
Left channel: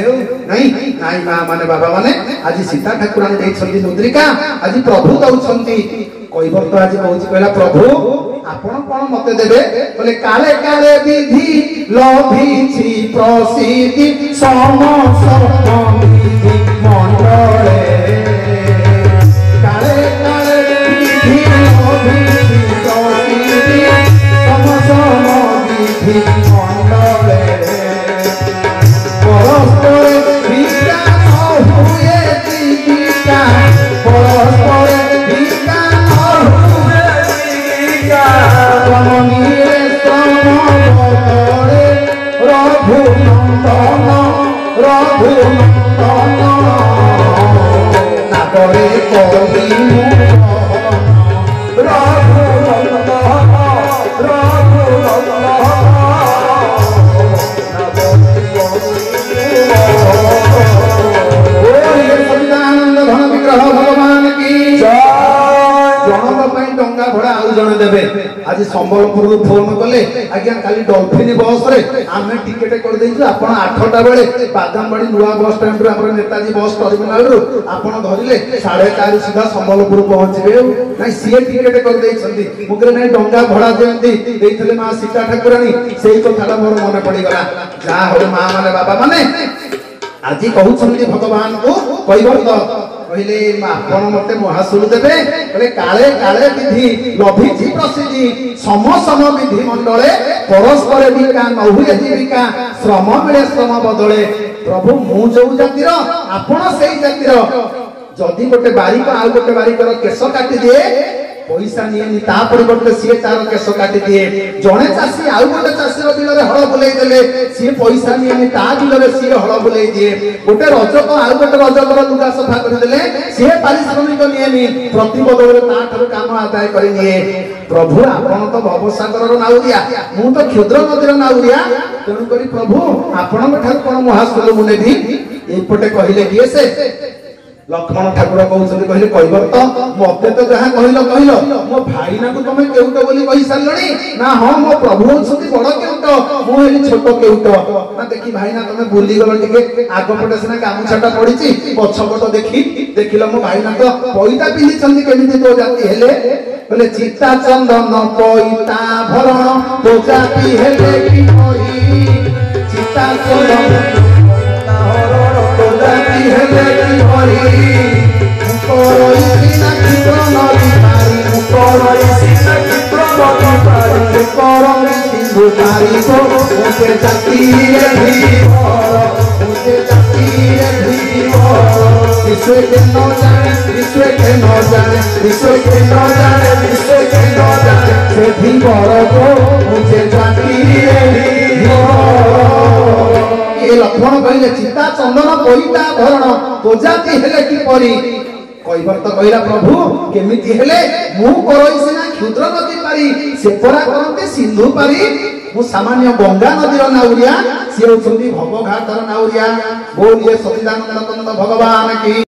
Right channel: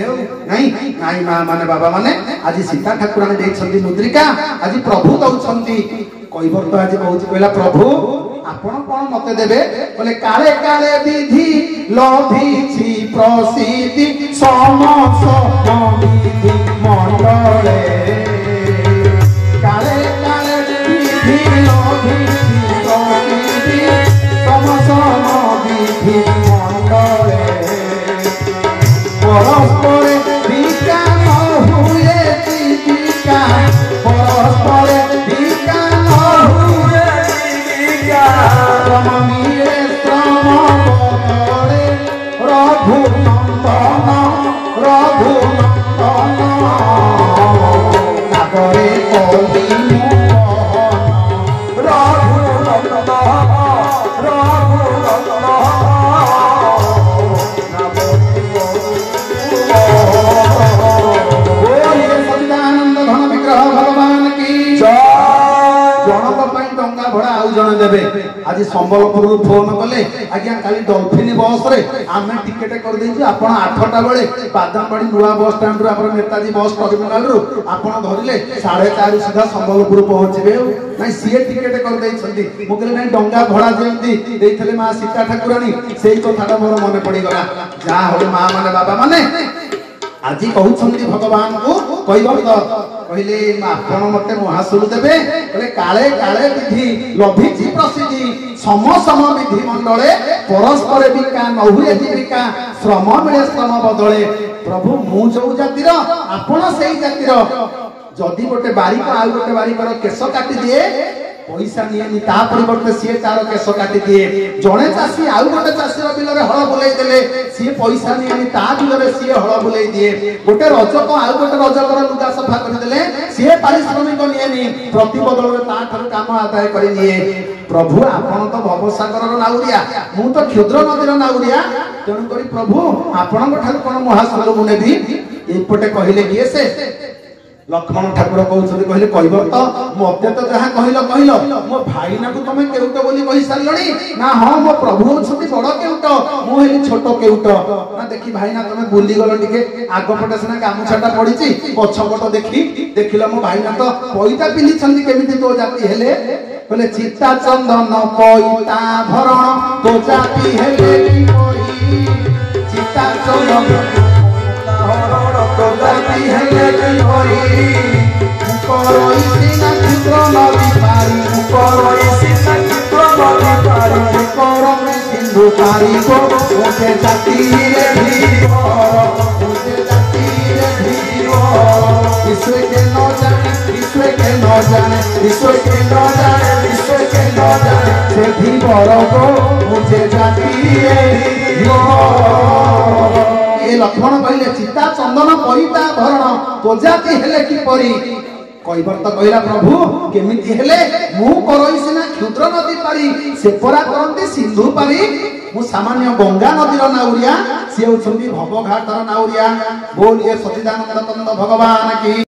नाही नाही मां माने बाबा माने आज सीता ठाकुराणी देइछंती मुद्रिका आज प्रभु दउछंती कहिबर तो आज कहउछि कहला प्रभु आपण कोन मते देबे बोले काले काले विधि लभिछि प्रसिद्धि समस्त विधि मंडले काले काले विधि लभिछि प्रसिद्धि समस्त विधि मंडले परस्पर विका न हुए दीपिका परस्पर विका न हुए दीपिका रमणीय समबतरे रघु नंदन नागरे कवि आज संबलपुर फोन कले आज्ञा काली डॉल्फिन बस रे आमे टिकेट कर देछु आपण 8टा बेले बादामबाड़ी नुआ बस स्टैंड रो आपण नेताजी बस टर्मिनल रो आपण धरिले 4:30 सुधा संबलपुर पहुंचबे नाही सीए टिकेट कर देछंती मुगरे नाही डंगा भड़ा देंती देइथले मां सीता ठाकुराणी सेही कथाटा मोर मने पड़ी गला जा हो मां माने बाबा माने आज कहउछंती भगवान को कहिबर तो कहले आपण मते महासुर देबे कहले काले काले विधि लभिछि प्रसिद्धि सम सम विधि मंडले परस्पर विका न हुए जीविका श्रम मिले श्रम बदले प्रभु मु जो जातिर आपण सेही जातिर जदि गोटे बारिक आउ गोटे बारिकर केश काटि दिए पैसा नियनि ता परिवर्ते सी तार केश काटि दिए जड़े चाषी आउ गोटे चाषी बिल हल बुले देले सी पैसा नियनि ता बिल सी हल बुले दिए गोटे रजक आउ गोटे रजकर लुगा सफा करदेले सी पारिश्रमिक नियनि प्रति बदल ता काम आदाय कर निए प्रभु आपण तो भवसागर नाउरिया मु तो क्षुद्र नदीर नाउरिया तेणुक प्रभु आपण कौन महास्कल मुझे एपटे कहले किए से लक्ष्मण ठाकुर कहते कहब तो मत तो जहाँ कहल मो भाईना को तुम केउट बोली कही सारे ना हाँ मो प्रभु अच्छी बड़ केउट मुझे छोट केउट ना देखी भाईना तुम बुली गल टे आगपटे सीना गामुछाटा पड़ी पछपट देखी देखिल मो भाईना तो पैता पिंधि केमी तो जाति हेले बोले चिता चंदन पैता भरण तो जाति हेले कि चिता चंदन तो जाति हेले मुझे जाति विश्व के न जाने विश्व के न जाने विश्व के न जाने विश्व के न जाने से भी बड़ को मुझे जाति ये लक्ष्मण कहले चिता चंदन पैता भरण तो जाति हेले कि परी कहबर तो कहला प्रभु केमिति हेले मु करई सिना क्षुद्र नदी पारी से परा करते सिंधु पारी मु सामान्य गंगा नदीर नाउरिया से होछंती भवघाटर नाउरिया बोलिए सच्चिदानंद भगवान की।